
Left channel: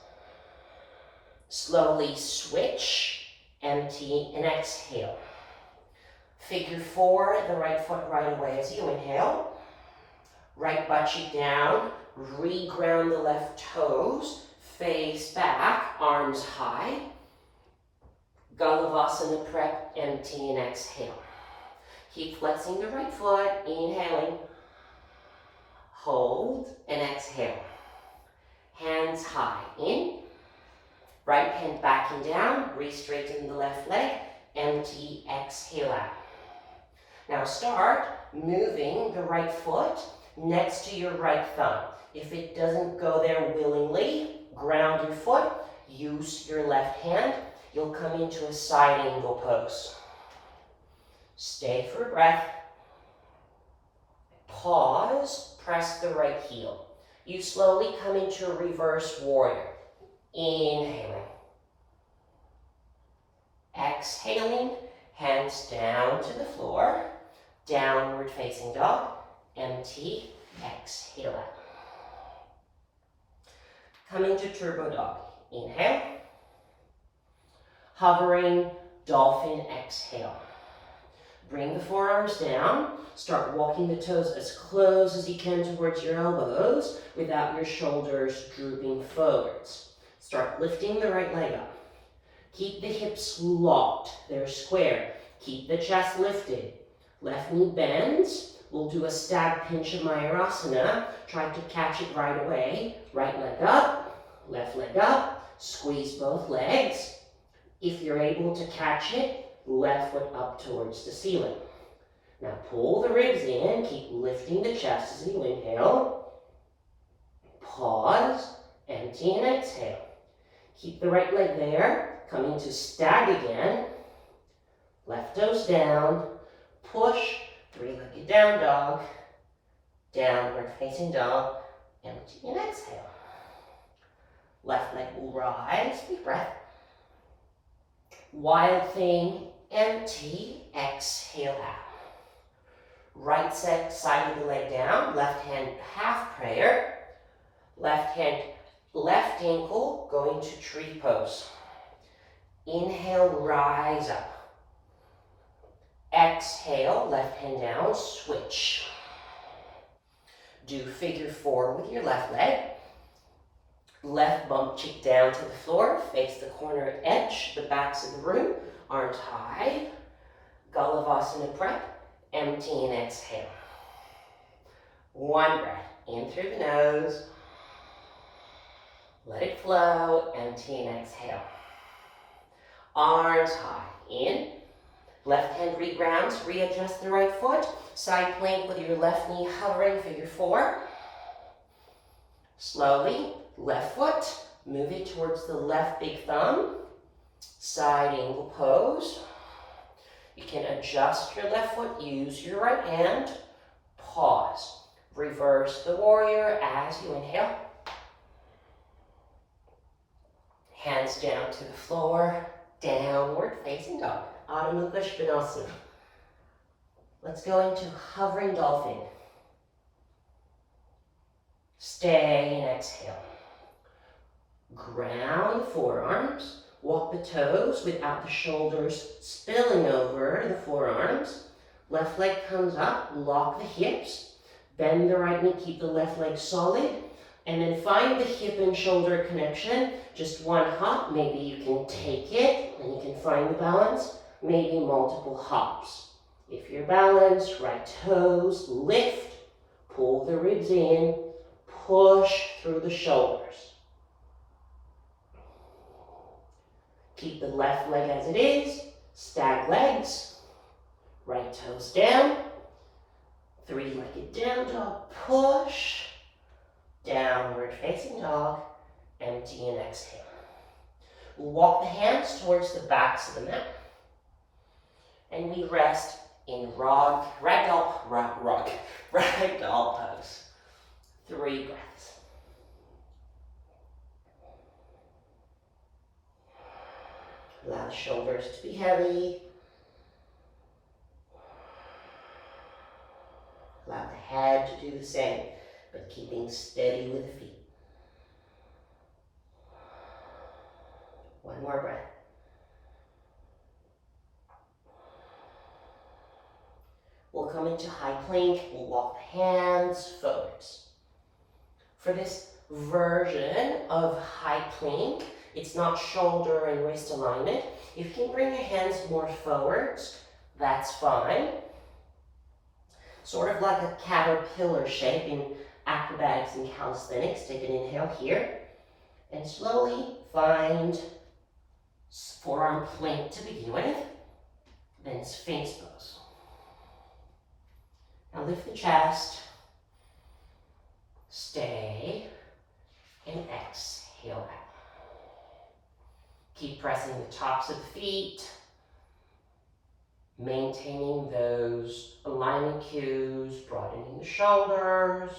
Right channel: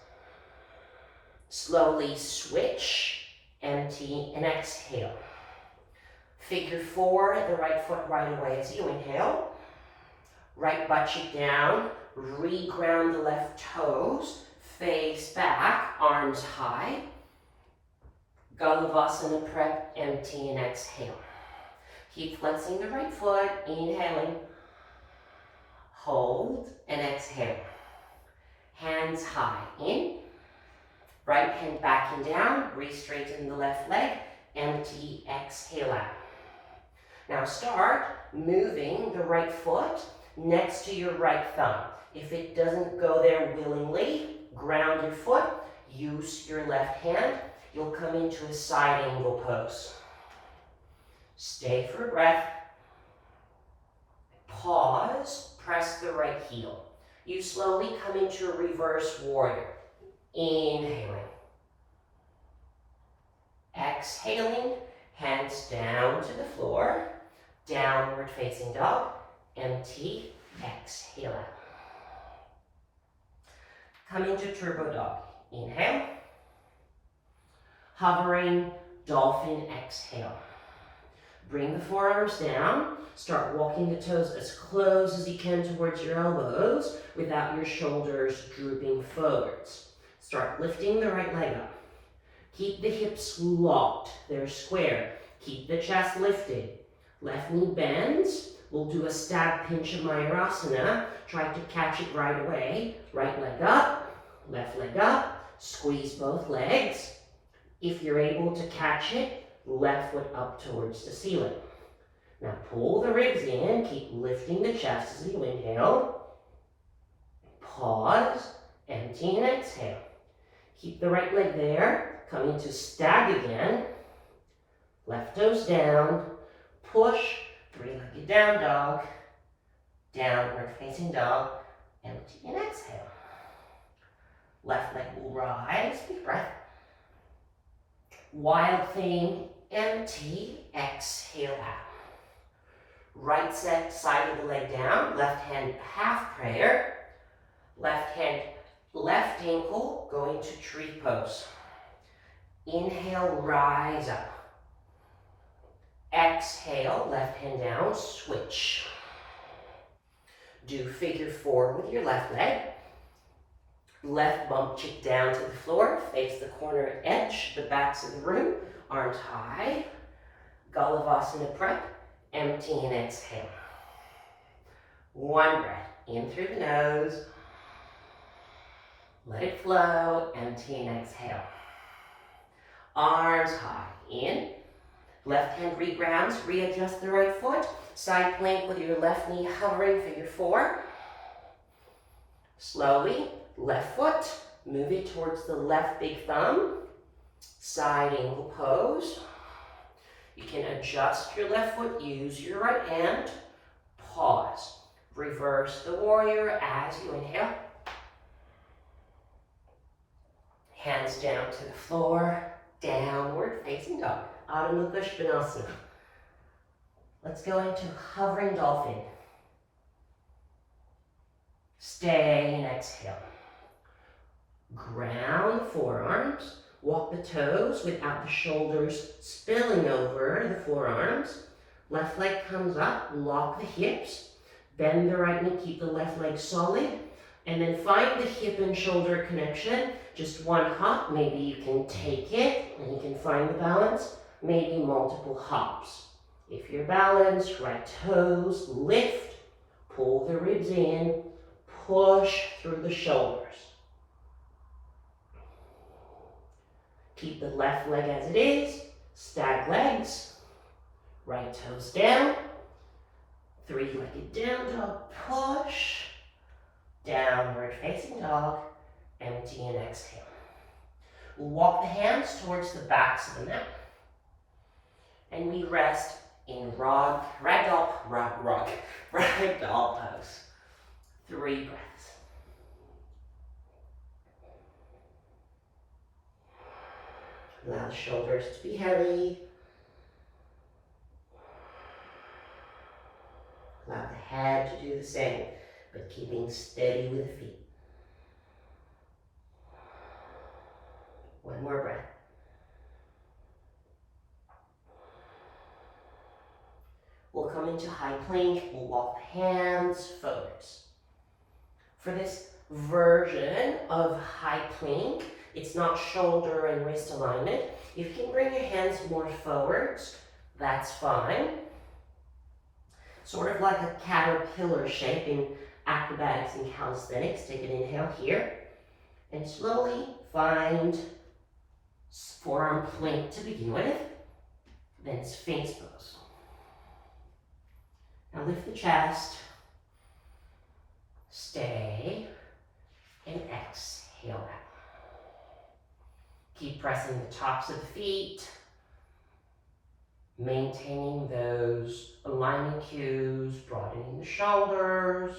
Slowly switch, empty, and exhale. Figure four, the right foot right away as you inhale. Right butt cheek down, re-ground the left toes, face back, arms high. Galavasana prep, empty, and exhale. Keep flexing the right foot, inhaling. Hold, and exhale. Hands high, in. Right hand back and down, re-straighten the left leg, empty, exhale out. Now start moving the right foot next to your right thumb. If it doesn't go there willingly, ground your foot, use your left hand. You'll come into a side angle pose. Stay for a breath. Pause, press the right heel. You slowly come into a reverse warrior. Inhaling. Exhaling, hands down to the floor. Downward facing dog. Empty, exhale out. Come into turbo dog. Inhale. Hovering, dolphin, exhale. Bring the forearms down. Start walking the toes as close as you can towards your elbows without your shoulders drooping forwards. Start lifting the right leg up. Keep the hips locked. They're square. Keep the chest lifted. Left knee bends. We'll do a stab pinch of Mayurasana. Try to catch it right away. Right leg up, left leg up. Squeeze both legs. If you're able to catch it, left foot up towards the ceiling. Now pull the ribs in, keep lifting the chest as you inhale. Pause, empty and exhale. Keep the right leg there, coming to stag again. Left toes down, push, three-legged down dog, downward facing dog, empty and exhale. Left leg will rise, big breath. Wild thing, empty, exhale out. Right side of the leg down, left hand half prayer. Left hand, left ankle going to tree pose. Inhale, rise up. Exhale, left hand down, switch. Do figure four with your left leg. Left bump cheek down to the floor, face the corner edge, the backs of the room, arms high. Galavasana prep, empty and exhale. One breath, in through the nose. Let it flow, empty and exhale. Arms high, in. Left hand regrounds, readjust the right foot. Side plank with your left knee hovering, figure four. Slowly, left foot, move it towards the left big thumb. Side angle pose. You can adjust your left foot, use your right hand. Pause. Reverse the warrior as you inhale. Hands down to the floor, downward facing dog. Adho Mukha Svanasana. Let's go into hovering dolphin. Stay and exhale. Ground the forearms. Walk the toes without the shoulders spilling over the forearms. Left leg comes up, lock the hips. Bend the right knee, keep the left leg solid. And then find the hip and shoulder connection. Just one hop, maybe you can take it and you can find the balance. Maybe multiple hops. If you're balanced, right toes, lift, pull the ribs in, push through the shoulders. Keep the left leg as it is, stag legs, right toes down, three-legged down dog, push, downward facing dog, empty and exhale. Walk the hands towards the backs of the mat. And we rest in ragdoll pose. 3 breaths. Allow the shoulders to be heavy. Allow the head to do the same, but keeping steady with the feet. 1 more breath. We'll come into high plank. We'll walk the hands forwards. For this version of high plank, it's not shoulder and wrist alignment. If you can bring your hands more forwards, that's fine. Sort of like a caterpillar shape in acrobatics and calisthenics. Take an inhale here. And slowly find forearm plank to begin with. Then Sphinx pose. Now lift the chest. Stay. And exhale out. Keep pressing the tops of the feet. Maintaining those alignment cues, broadening the shoulders.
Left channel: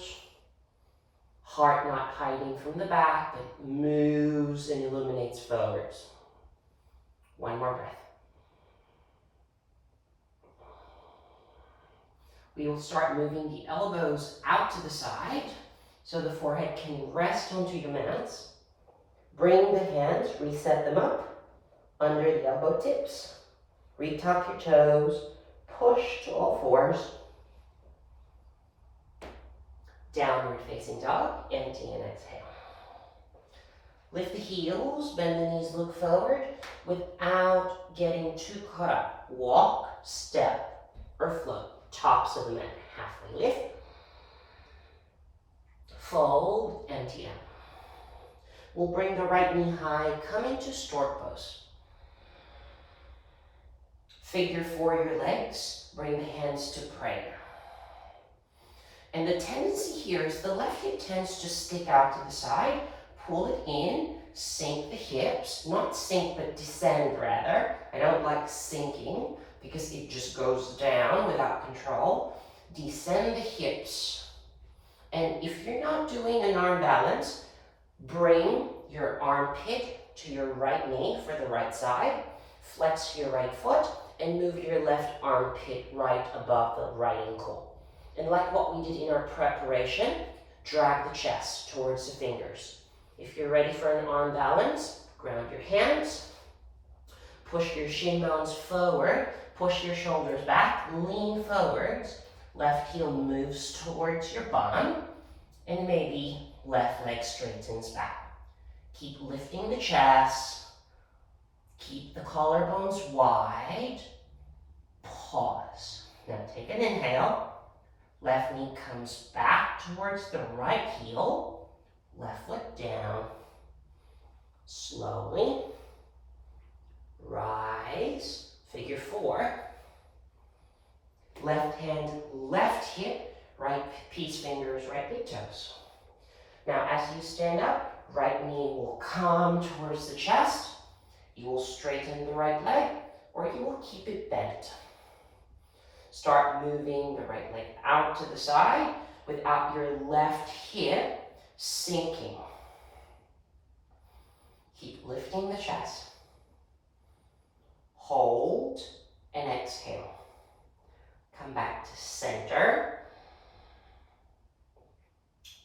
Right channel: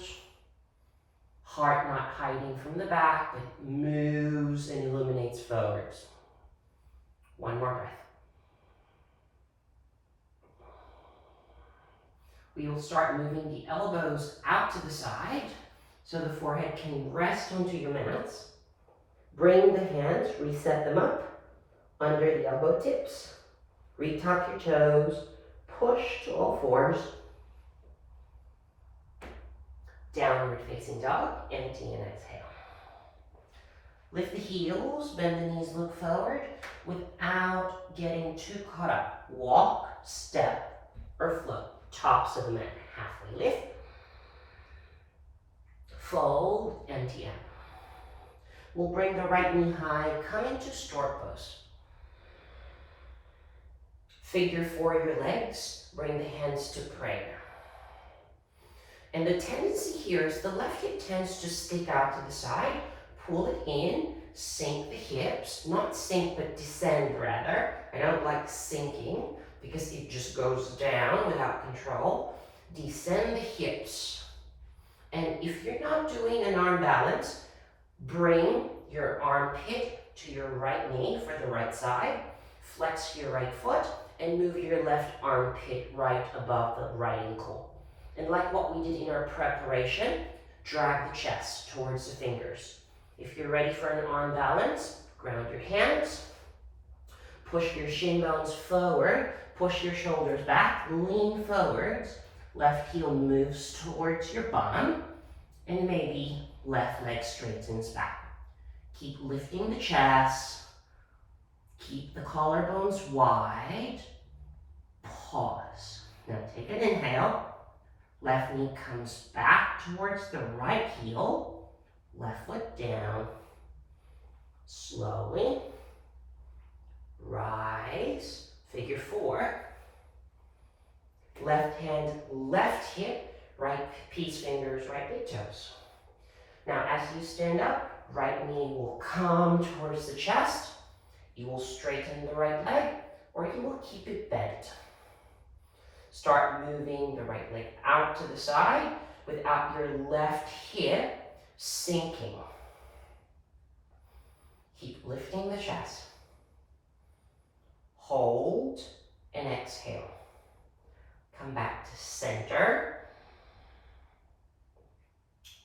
Heart not hiding from the back, but moves and illuminates forwards. 1 more breath. We will start moving the elbows out to the side so the forehead can rest onto your mats. Bring the hands, reset them up under the elbow tips. Retuck your toes, push to all fours. Downward facing dog, empty and exhale. Lift the heels, bend the knees, look forward without getting too caught up. Walk, step, or float. Tops of the mat, halfway lift. Fold, empty out. We'll bring the right knee high, come into stork pose. Figure 4 your legs, bring the hands to prayer. And the tendency here is the left hip tends to stick out to the side, pull it in, sink the hips, not sink but descend rather. I don't like sinking because it just goes down without control. Descend the hips. And if you're not doing an arm balance, bring your armpit to your right knee for the right side, flex your right foot, and move your left armpit right above the right ankle. And like what we did in our preparation, drag the chest towards the fingers. If you're ready for an arm balance, ground your hands, push your shin bones forward, push your shoulders back, lean forwards, left heel moves towards your bum, and maybe left leg straightens back. Keep lifting the chest, keep the collarbones wide, pause. Now take an inhale, left knee comes back towards the right heel, left foot down, slowly, rise, figure 4, left hand, left hip, right peace fingers, right big toes. Now as you stand up, right knee will come towards the chest, you will straighten the right leg, or you will keep it bent. Start moving the right leg out to the side without your left hip sinking. Keep lifting the chest. Hold and exhale. Come back to center.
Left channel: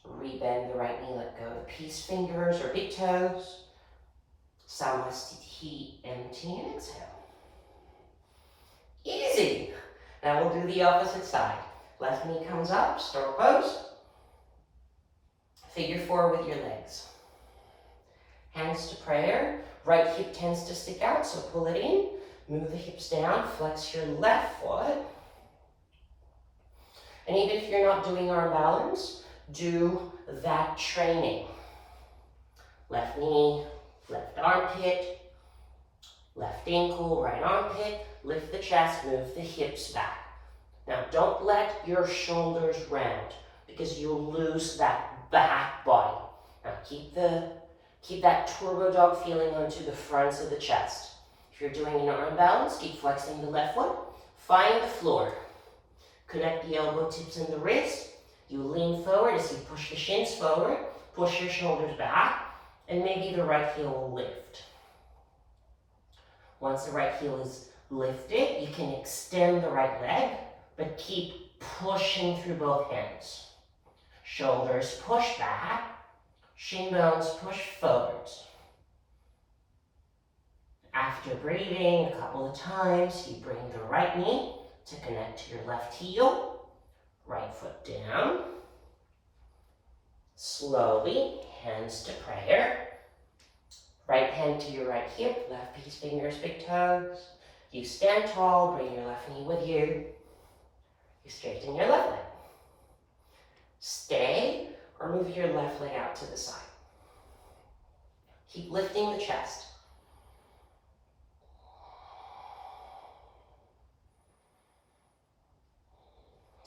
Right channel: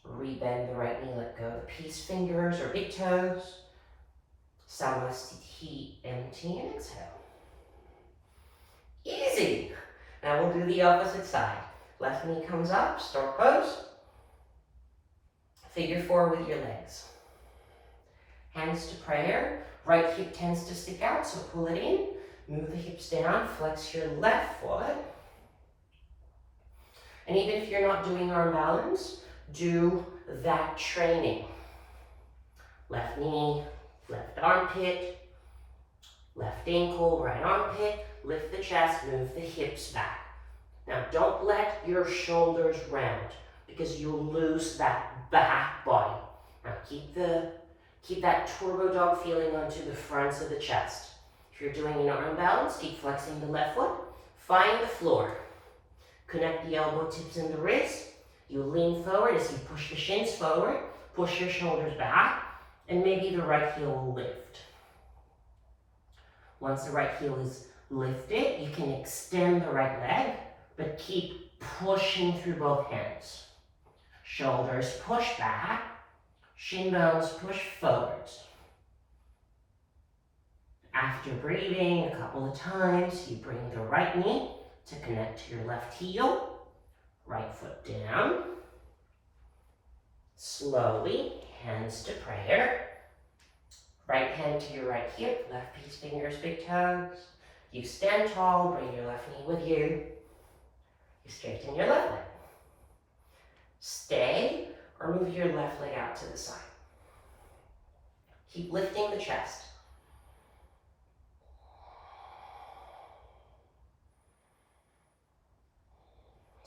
Rebend the right knee, let go of the peace fingers or big toes. Samasthiti, empty and exhale. Easy. Now we'll do the opposite side. Left knee comes up, stork pose. Figure 4 with your legs. Hands to prayer. Right hip tends to stick out, so pull it in. Move the hips down, flex your left foot. And even if you're not doing arm balance, do that training. Left knee, left armpit, left ankle, right armpit, lift the chest, move the hips back. Now don't let your shoulders round because you'll lose that back body. Now keep that turbo dog feeling onto the fronts of the chest. If you're doing an arm balance, keep flexing the left foot, find the floor. Connect the elbow tips and the wrist. You lean forward as you push the shins forward, push your shoulders back, and maybe the right heel will lift. Once the right heel is lifted, you can extend the right leg, but keep pushing through both hands. Shoulders push back, shin bones push forwards. After breathing a couple of times, you bring the right knee to connect to your left heel, right foot down. Slowly, hands to prayer. Right hand to your right hip, left piece, fingers, big toes. You stand tall, bring your left knee with you. You straighten your left leg. Stay or move your left leg out to the side. Keep lifting the chest.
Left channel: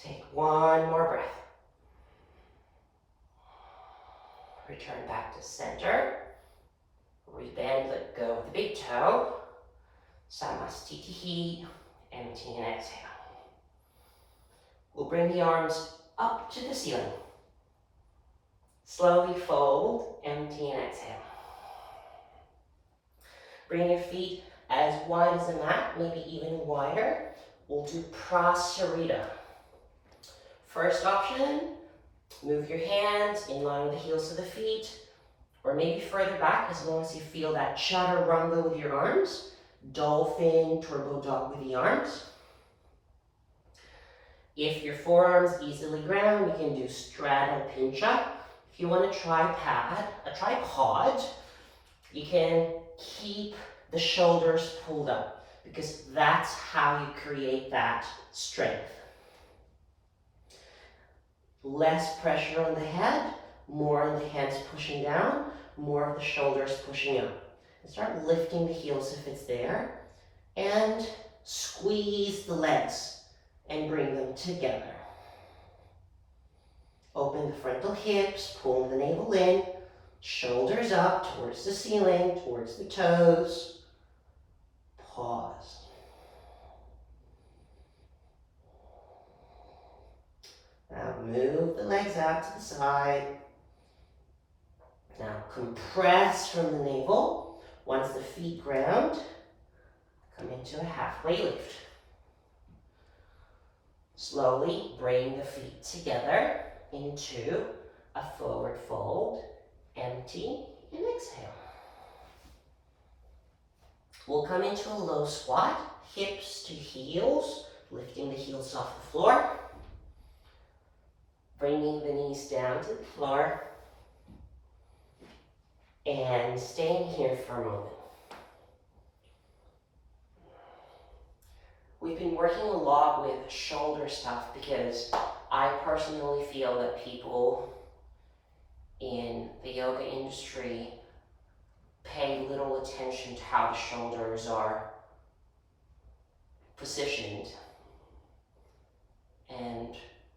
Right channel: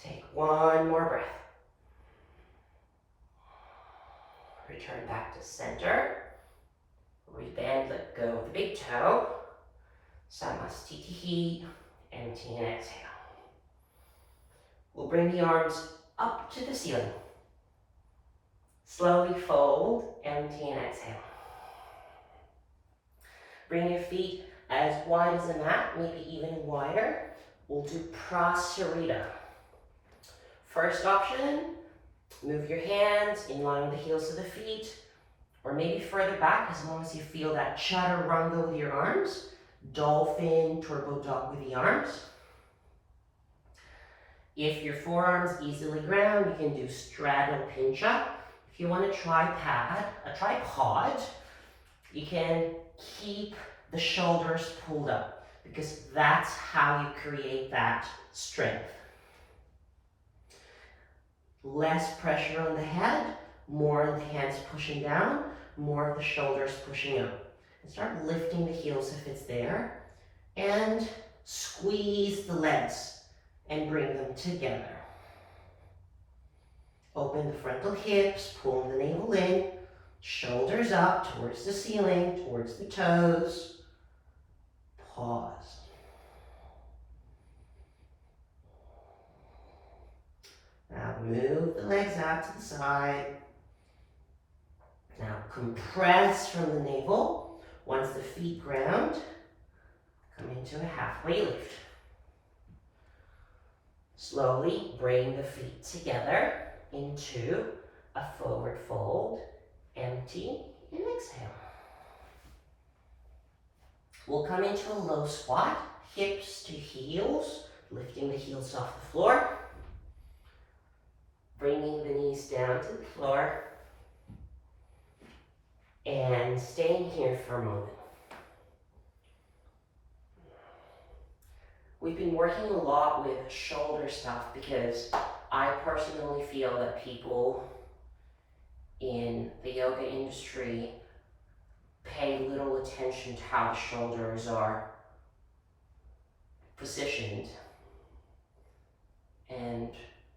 Take one more breath. Return back to center. Rebend, let go of the big toe. Samastitihi, empty and exhale. We'll bring the arms up to the ceiling. Slowly fold, empty and exhale. Bring your feet as wide as the mat, maybe even wider. We'll do Prasarita. First option, move your hands in line with the heels of the feet, or maybe further back as long as you feel that chaturanga with your arms. Dolphin, turbo dog with the arms. If your forearms easily ground, you can do straddle pinch up. If you want a tripod, you can keep the shoulders pulled up because that's how you create that strength. Less pressure on the head, more of the hands pushing down, more of the shoulders pushing up. And start lifting the heels if it's there, and squeeze the legs and bring them together. Open the frontal hips, pull the navel in, shoulders up towards the ceiling, towards the toes. Pause. Now move the legs out to the side. Now compress from the navel. Once the feet ground, come into a halfway lift. Slowly bring the feet together into a forward fold, empty, and exhale. We'll come into a low squat, hips to heels, lifting the heels off the floor. Bringing the knees down to the floor and staying here for a moment. We've been working a lot with shoulder stuff because I personally feel that people in the yoga industry pay little attention to how the shoulders are positioned, and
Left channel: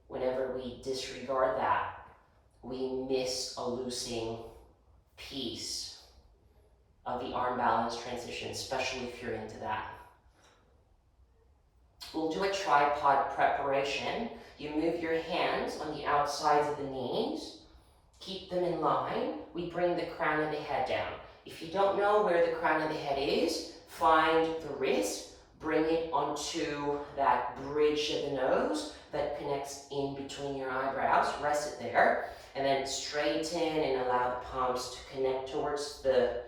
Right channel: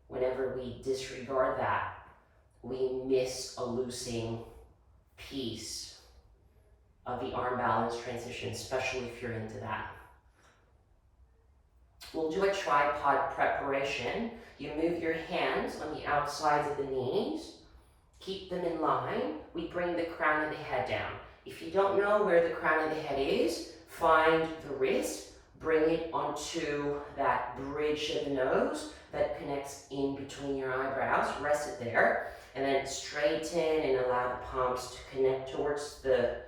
whenever we disregard that, we miss a losing piece of the arm balance transition, especially if you're into that. We'll do a tripod preparation. You move your hands on the outsides of the knees, keep them in line. We bring the crown of the head down. If you don't know where the crown of the head is, find the wrist, bring it onto that bridge of the nose that connects in between your eyebrows, rest it there, and then straighten and allow the palms to connect towards the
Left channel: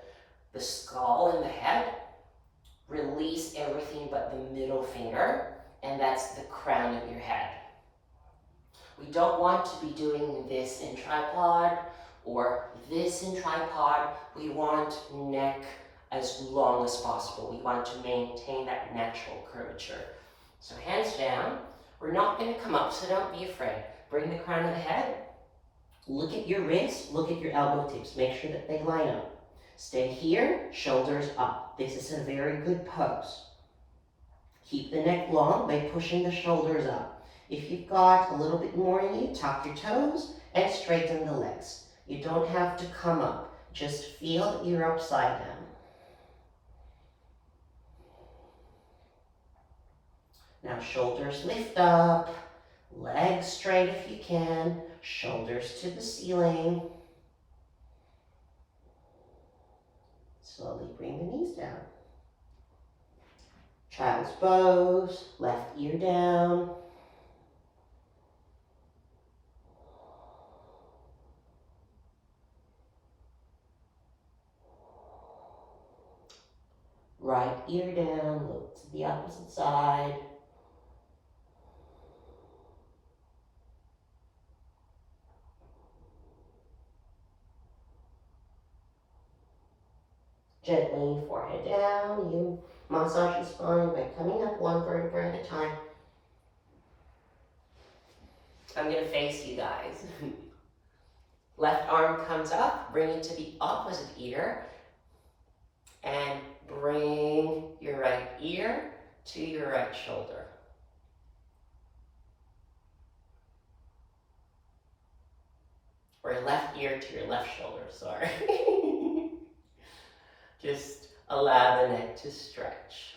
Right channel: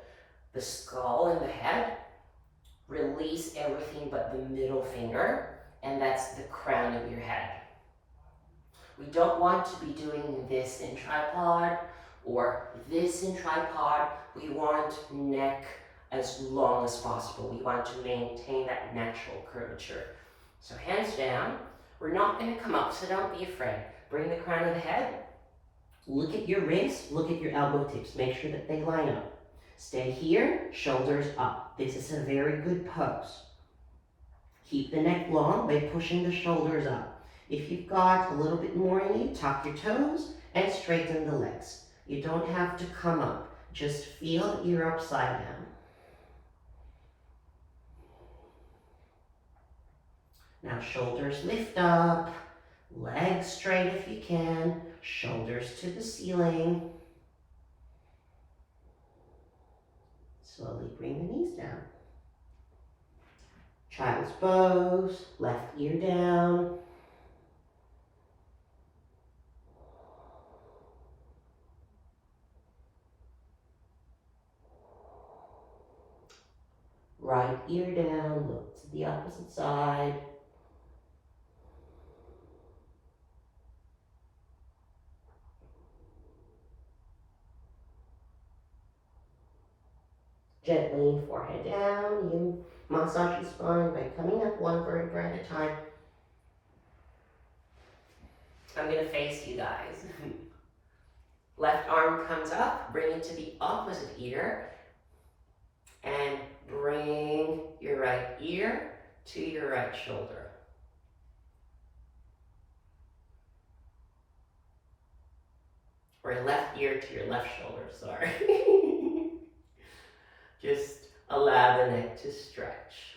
skull and the head. Release everything but the middle finger, and that's the crown of your head. We don't want to be doing this in tripod or this in tripod. We want neck as long as possible. We want to maintain that natural curvature. So hands down. We're not going to come up, so don't be afraid. Bring the crown of the head. Look at your wrists, look at your elbow tips. Make sure that they line up. Stay here, shoulders up. This is a very good pose. Keep the neck long by pushing the shoulders up. If you've got a little bit more in you, tuck your toes and straighten the legs. You don't have to come up. Just feel that you're upside down. Now shoulders lift up, Legs straight if you can, shoulders to the ceiling. Slowly bring the knees down. Child's pose, left ear down. Right ear down, look to the opposite side. Gently, forehead down. You massage the spine by coming up one vertebra at a time. I'm going to face you guys. Left arm comes up, bring it to the opposite ear, and bring your right ear to your right shoulder. Or your left ear to your left shoulder, sorry. Just allow the neck to stretch.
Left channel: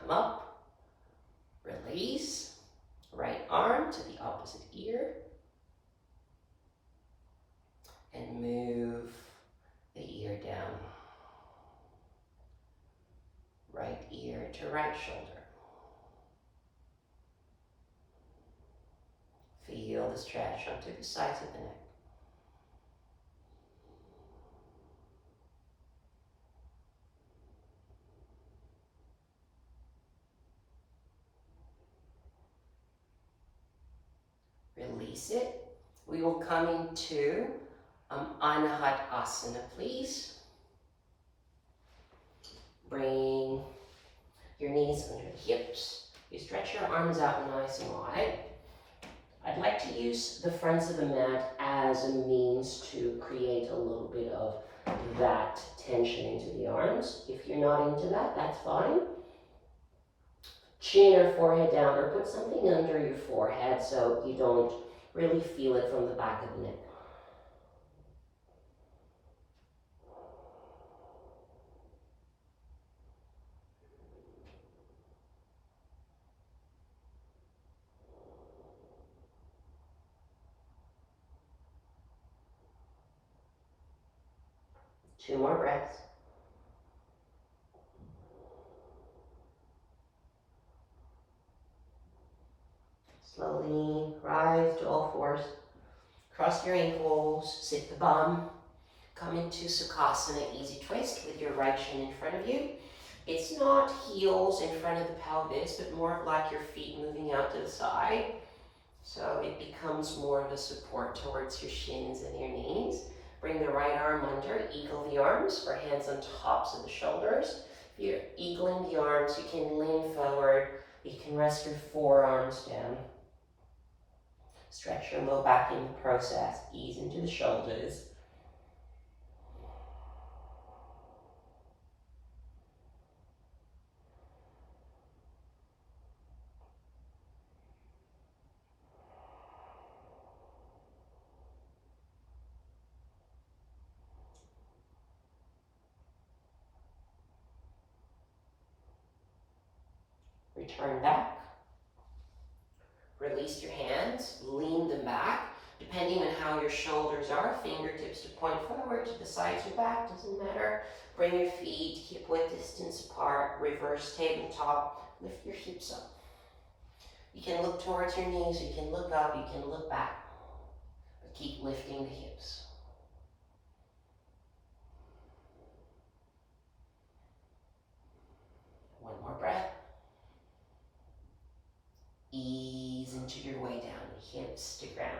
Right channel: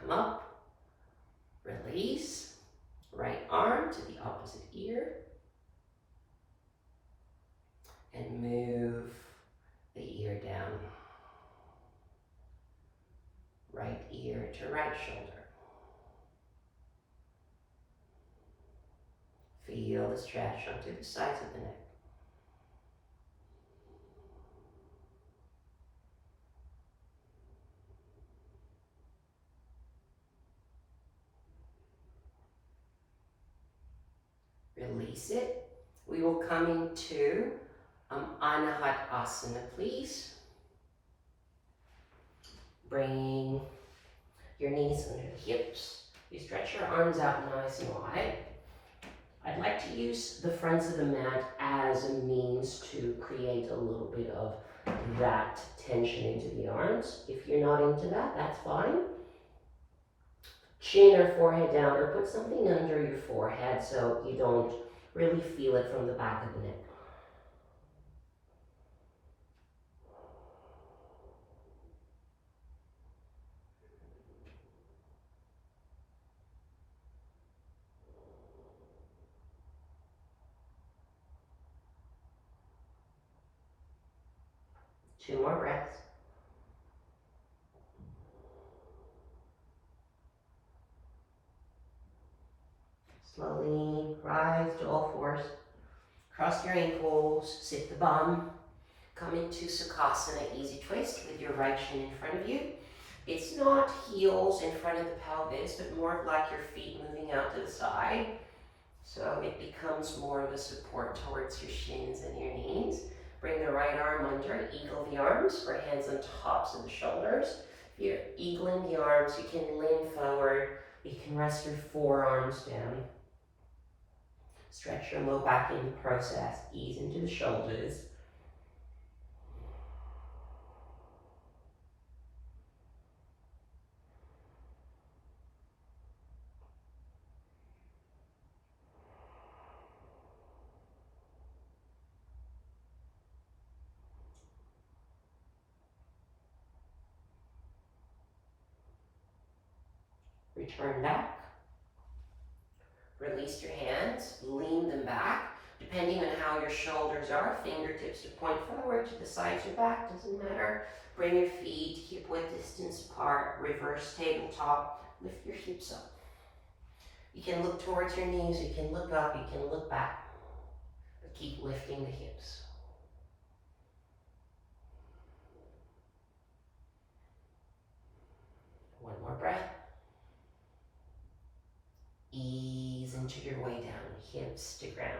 Come up, release, right arm to the opposite ear, and move the ear down. Right ear to right shoulder. Feel the stretch onto the sides of the neck. Release it. We will come into Anahat Asana, please. Bring your knees under the hips. You stretch your arms out nice and wide. I'd like to use the fronts of the mat as a means to create a little bit of that tension into the arms. If you're not into that, that's fine. Chin or forehead down, or put something under your forehead so you don't really feel it from the back of the neck. Two more breaths. Slowly rise to all fours. Cross your ankles, sit the bum. Come into Sukhasana, easy twist with your right shin in front of you. It's not heels in front of the pelvis, but more like your feet moving out to the side. So it becomes more of a support towards your shins and your knees. Bring the right arm under, eagle the arms, or hands on tops of the shoulders. If you're eagling the arms, you can lean forward. You can rest your forearms down. Stretch your low back in the process. Ease into the shoulders. Return back. Release your hands, lean them back. Depending on how your shoulders are, fingertips to point forward, to the sides or back, doesn't matter. Bring your feet hip width distance apart, reverse tabletop, lift your hips up. You can look towards your knees, you can look up, you can look back, but keep lifting the hips. One more breath. Ease into your way down, hips to ground.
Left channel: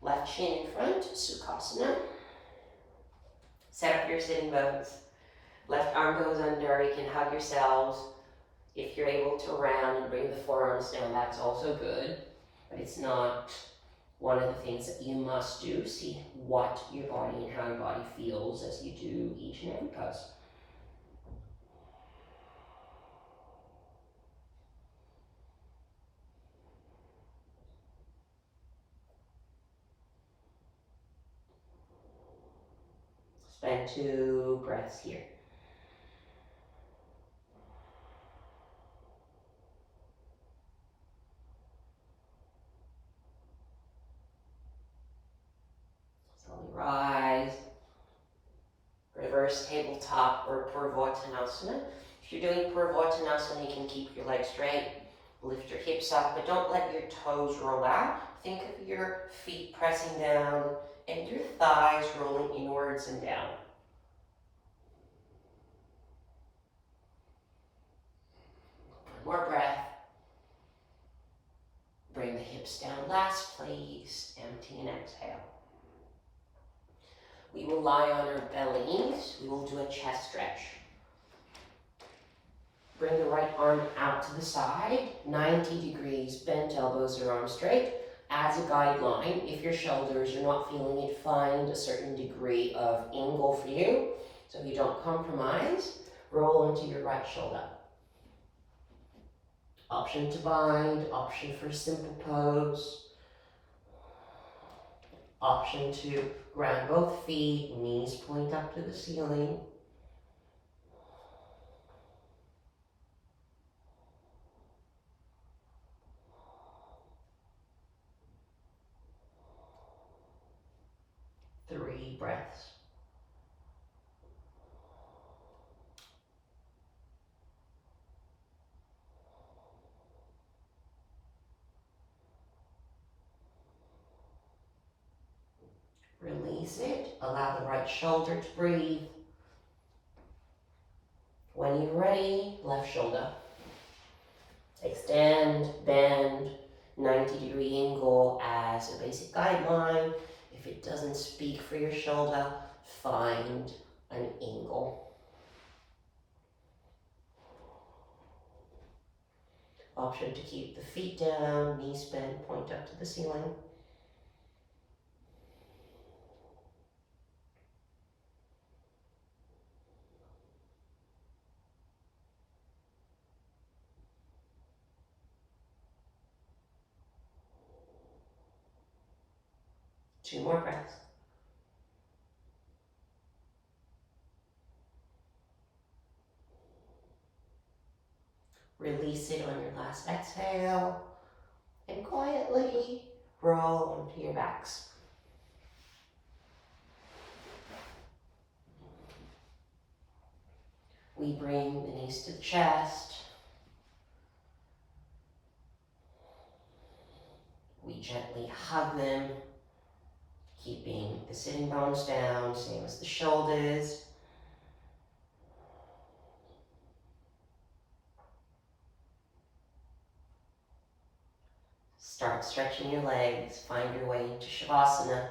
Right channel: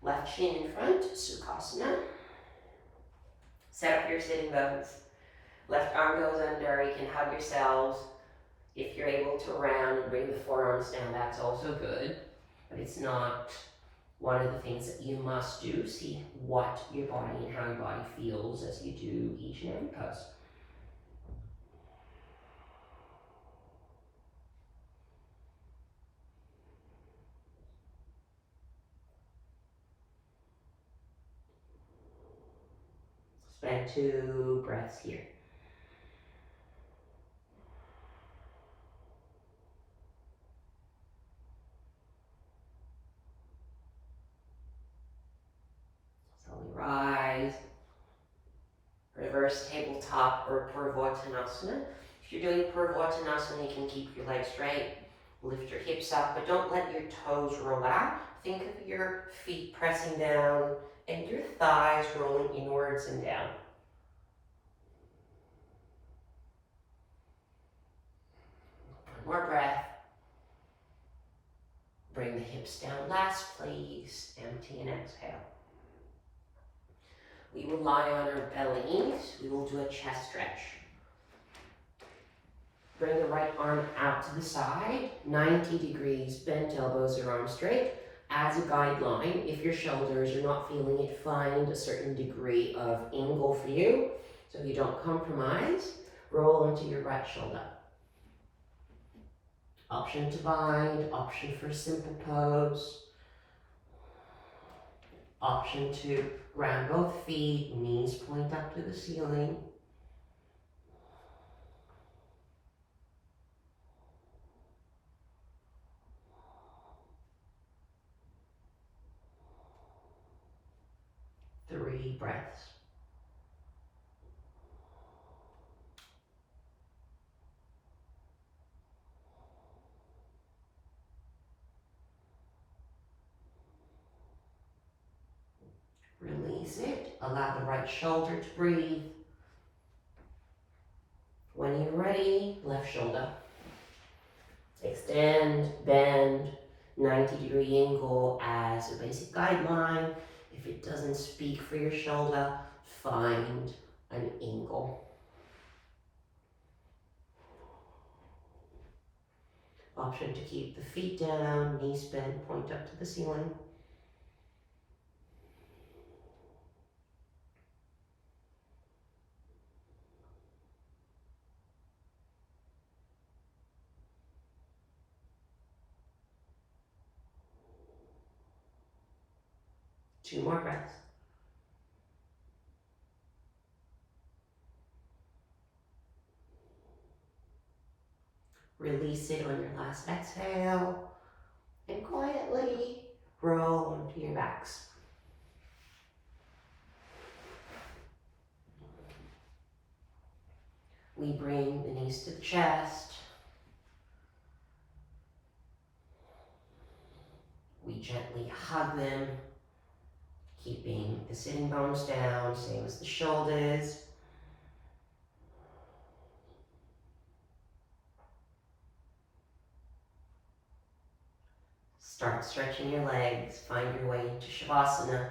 Left shin in front, Sukhasana. Set up your sitting bones. Left arm goes under, you can hug yourselves. If you're able to round and bring the forearms down, that's also good. But it's not one of the things that you must do. See what your body and how your body feels as you do each and every pose. Spend 2 breaths here. Slowly rise. Reverse tabletop or Purvottanasana. If you're doing Purvottanasana, you can keep your legs straight, lift your hips up, but don't let your toes roll out. Think of your feet pressing down and your thighs rolling inwards and down. One more breath. Bring the hips down last, please. Empty and exhale. We will lie on our bellies. We will do a chest stretch. Bring the right arm out to the side, 90 degrees, bent elbows or arms straight. As a guideline, if your shoulders are not feeling it, find a certain degree of angle for you. So you don't compromise, roll into your right shoulder. Option to bind, option for simple pose. Option to ground both feet, knees point up to the ceiling. Three breaths. Release it. Allow the right shoulder to breathe. When you're ready, left shoulder. Extend, bend, 90-degree angle as a basic guideline. If it doesn't speak for your shoulder, find an angle. Option to keep the feet down, knees bent, point up to the ceiling. Two more breaths. Release it on your last exhale and quietly roll onto your backs. We bring the knees to the chest. We gently hug them, keeping the sitting bones down, same as the shoulders. Start stretching your legs, find your way into Shavasana.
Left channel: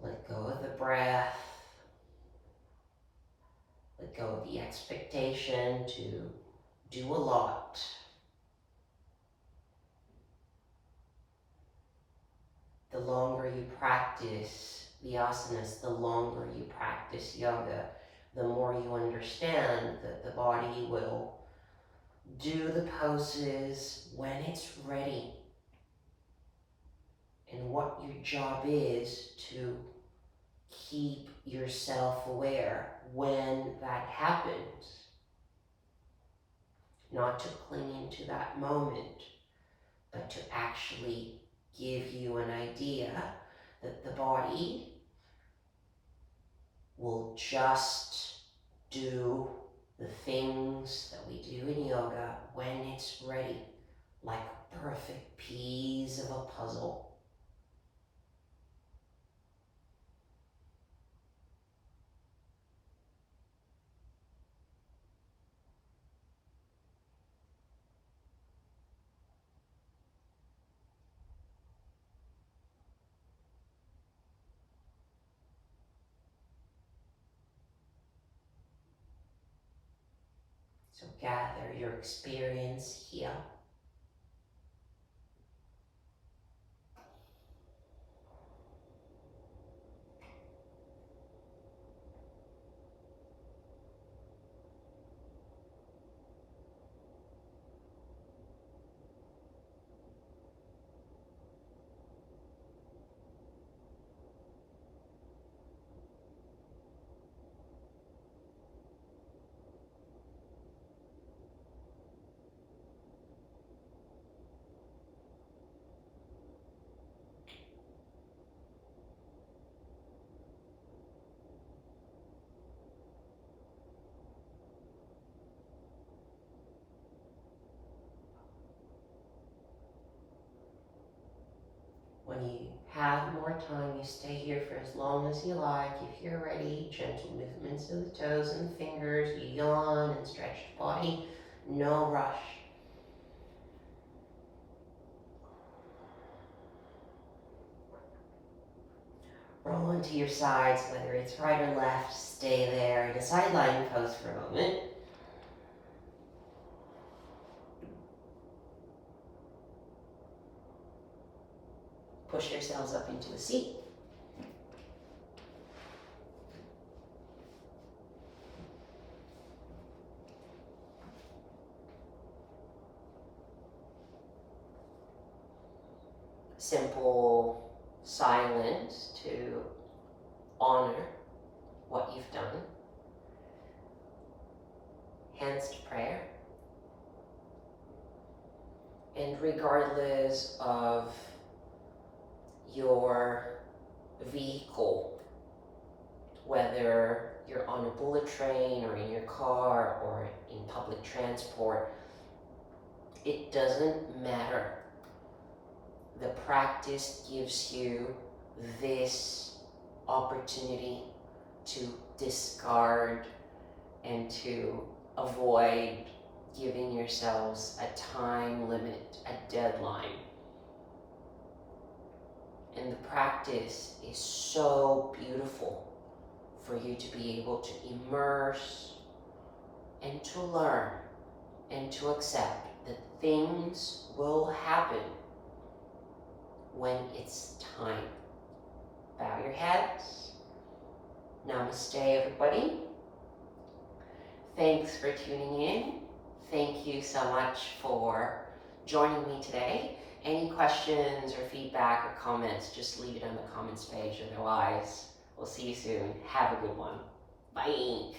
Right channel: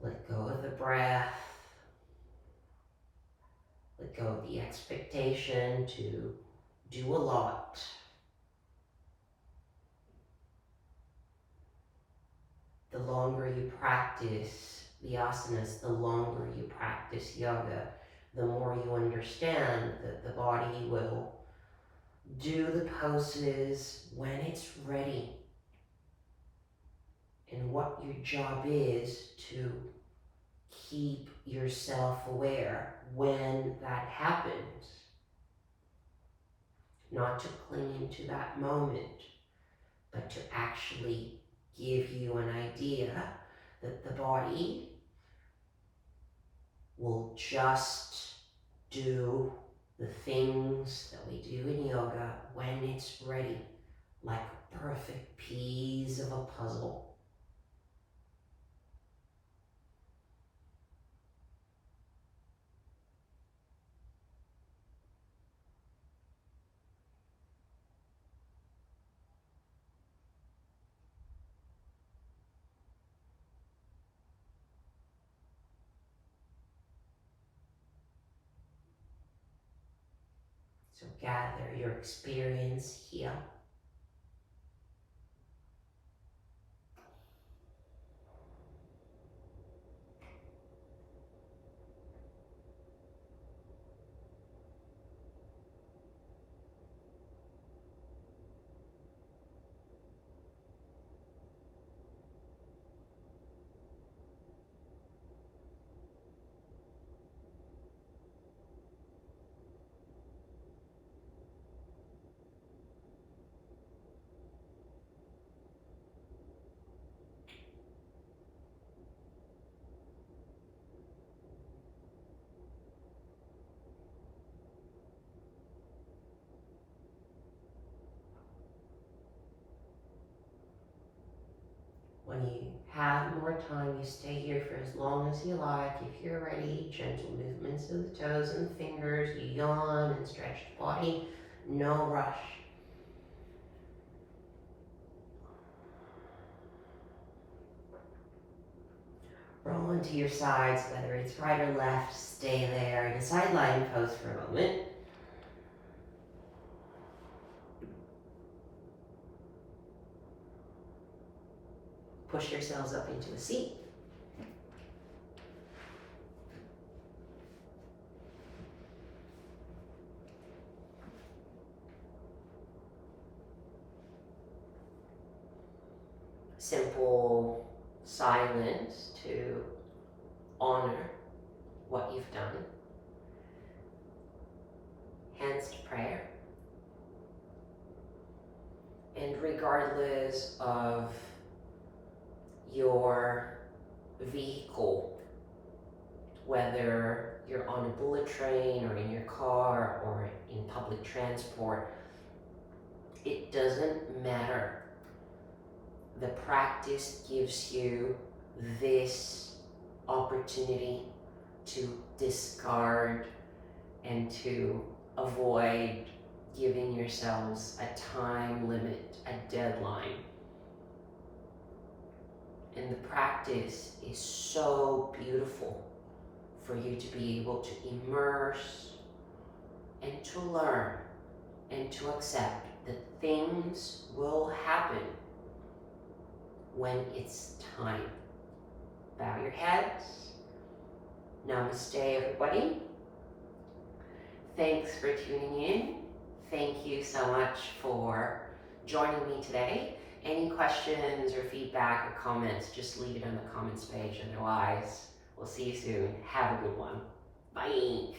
Let go of the breath. Let go of the expectation to do a lot. The longer you practice the asanas, the longer you practice yoga, the more you understand that the body will do the poses when it's ready. And what your job is to keep yourself aware when that happens. Not to cling into that moment, but to actually give you an idea that the body will just do the things that we do in yoga when it's ready, like a perfect piece of a puzzle. So gather your experience here. more time. You stay here for as long as you like. If you're ready, gentle movements of the toes and the fingers. You yawn and stretch the body. No rush. Roll onto your sides, whether it's right or left. Stay there in a side lying pose for a moment. Push yourselves up into a seat. Simple silence to honor what you've done. Hands to prayer. And regardless of your vehicle, whether you're on a bullet train or in your car or in public transport, it doesn't matter. The practice gives you this opportunity to discard and to avoid giving yourselves a time limit, a deadline. And the practice is so beautiful for you to be able to immerse and to learn and to accept that things will happen when it's time. Bow your heads. Namaste, everybody. Thanks for tuning in. Thank you so much for joining me today. Any questions or feedback or comments, just leave it on the comments page. Otherwise, we'll see you soon. Have a good one. Bye.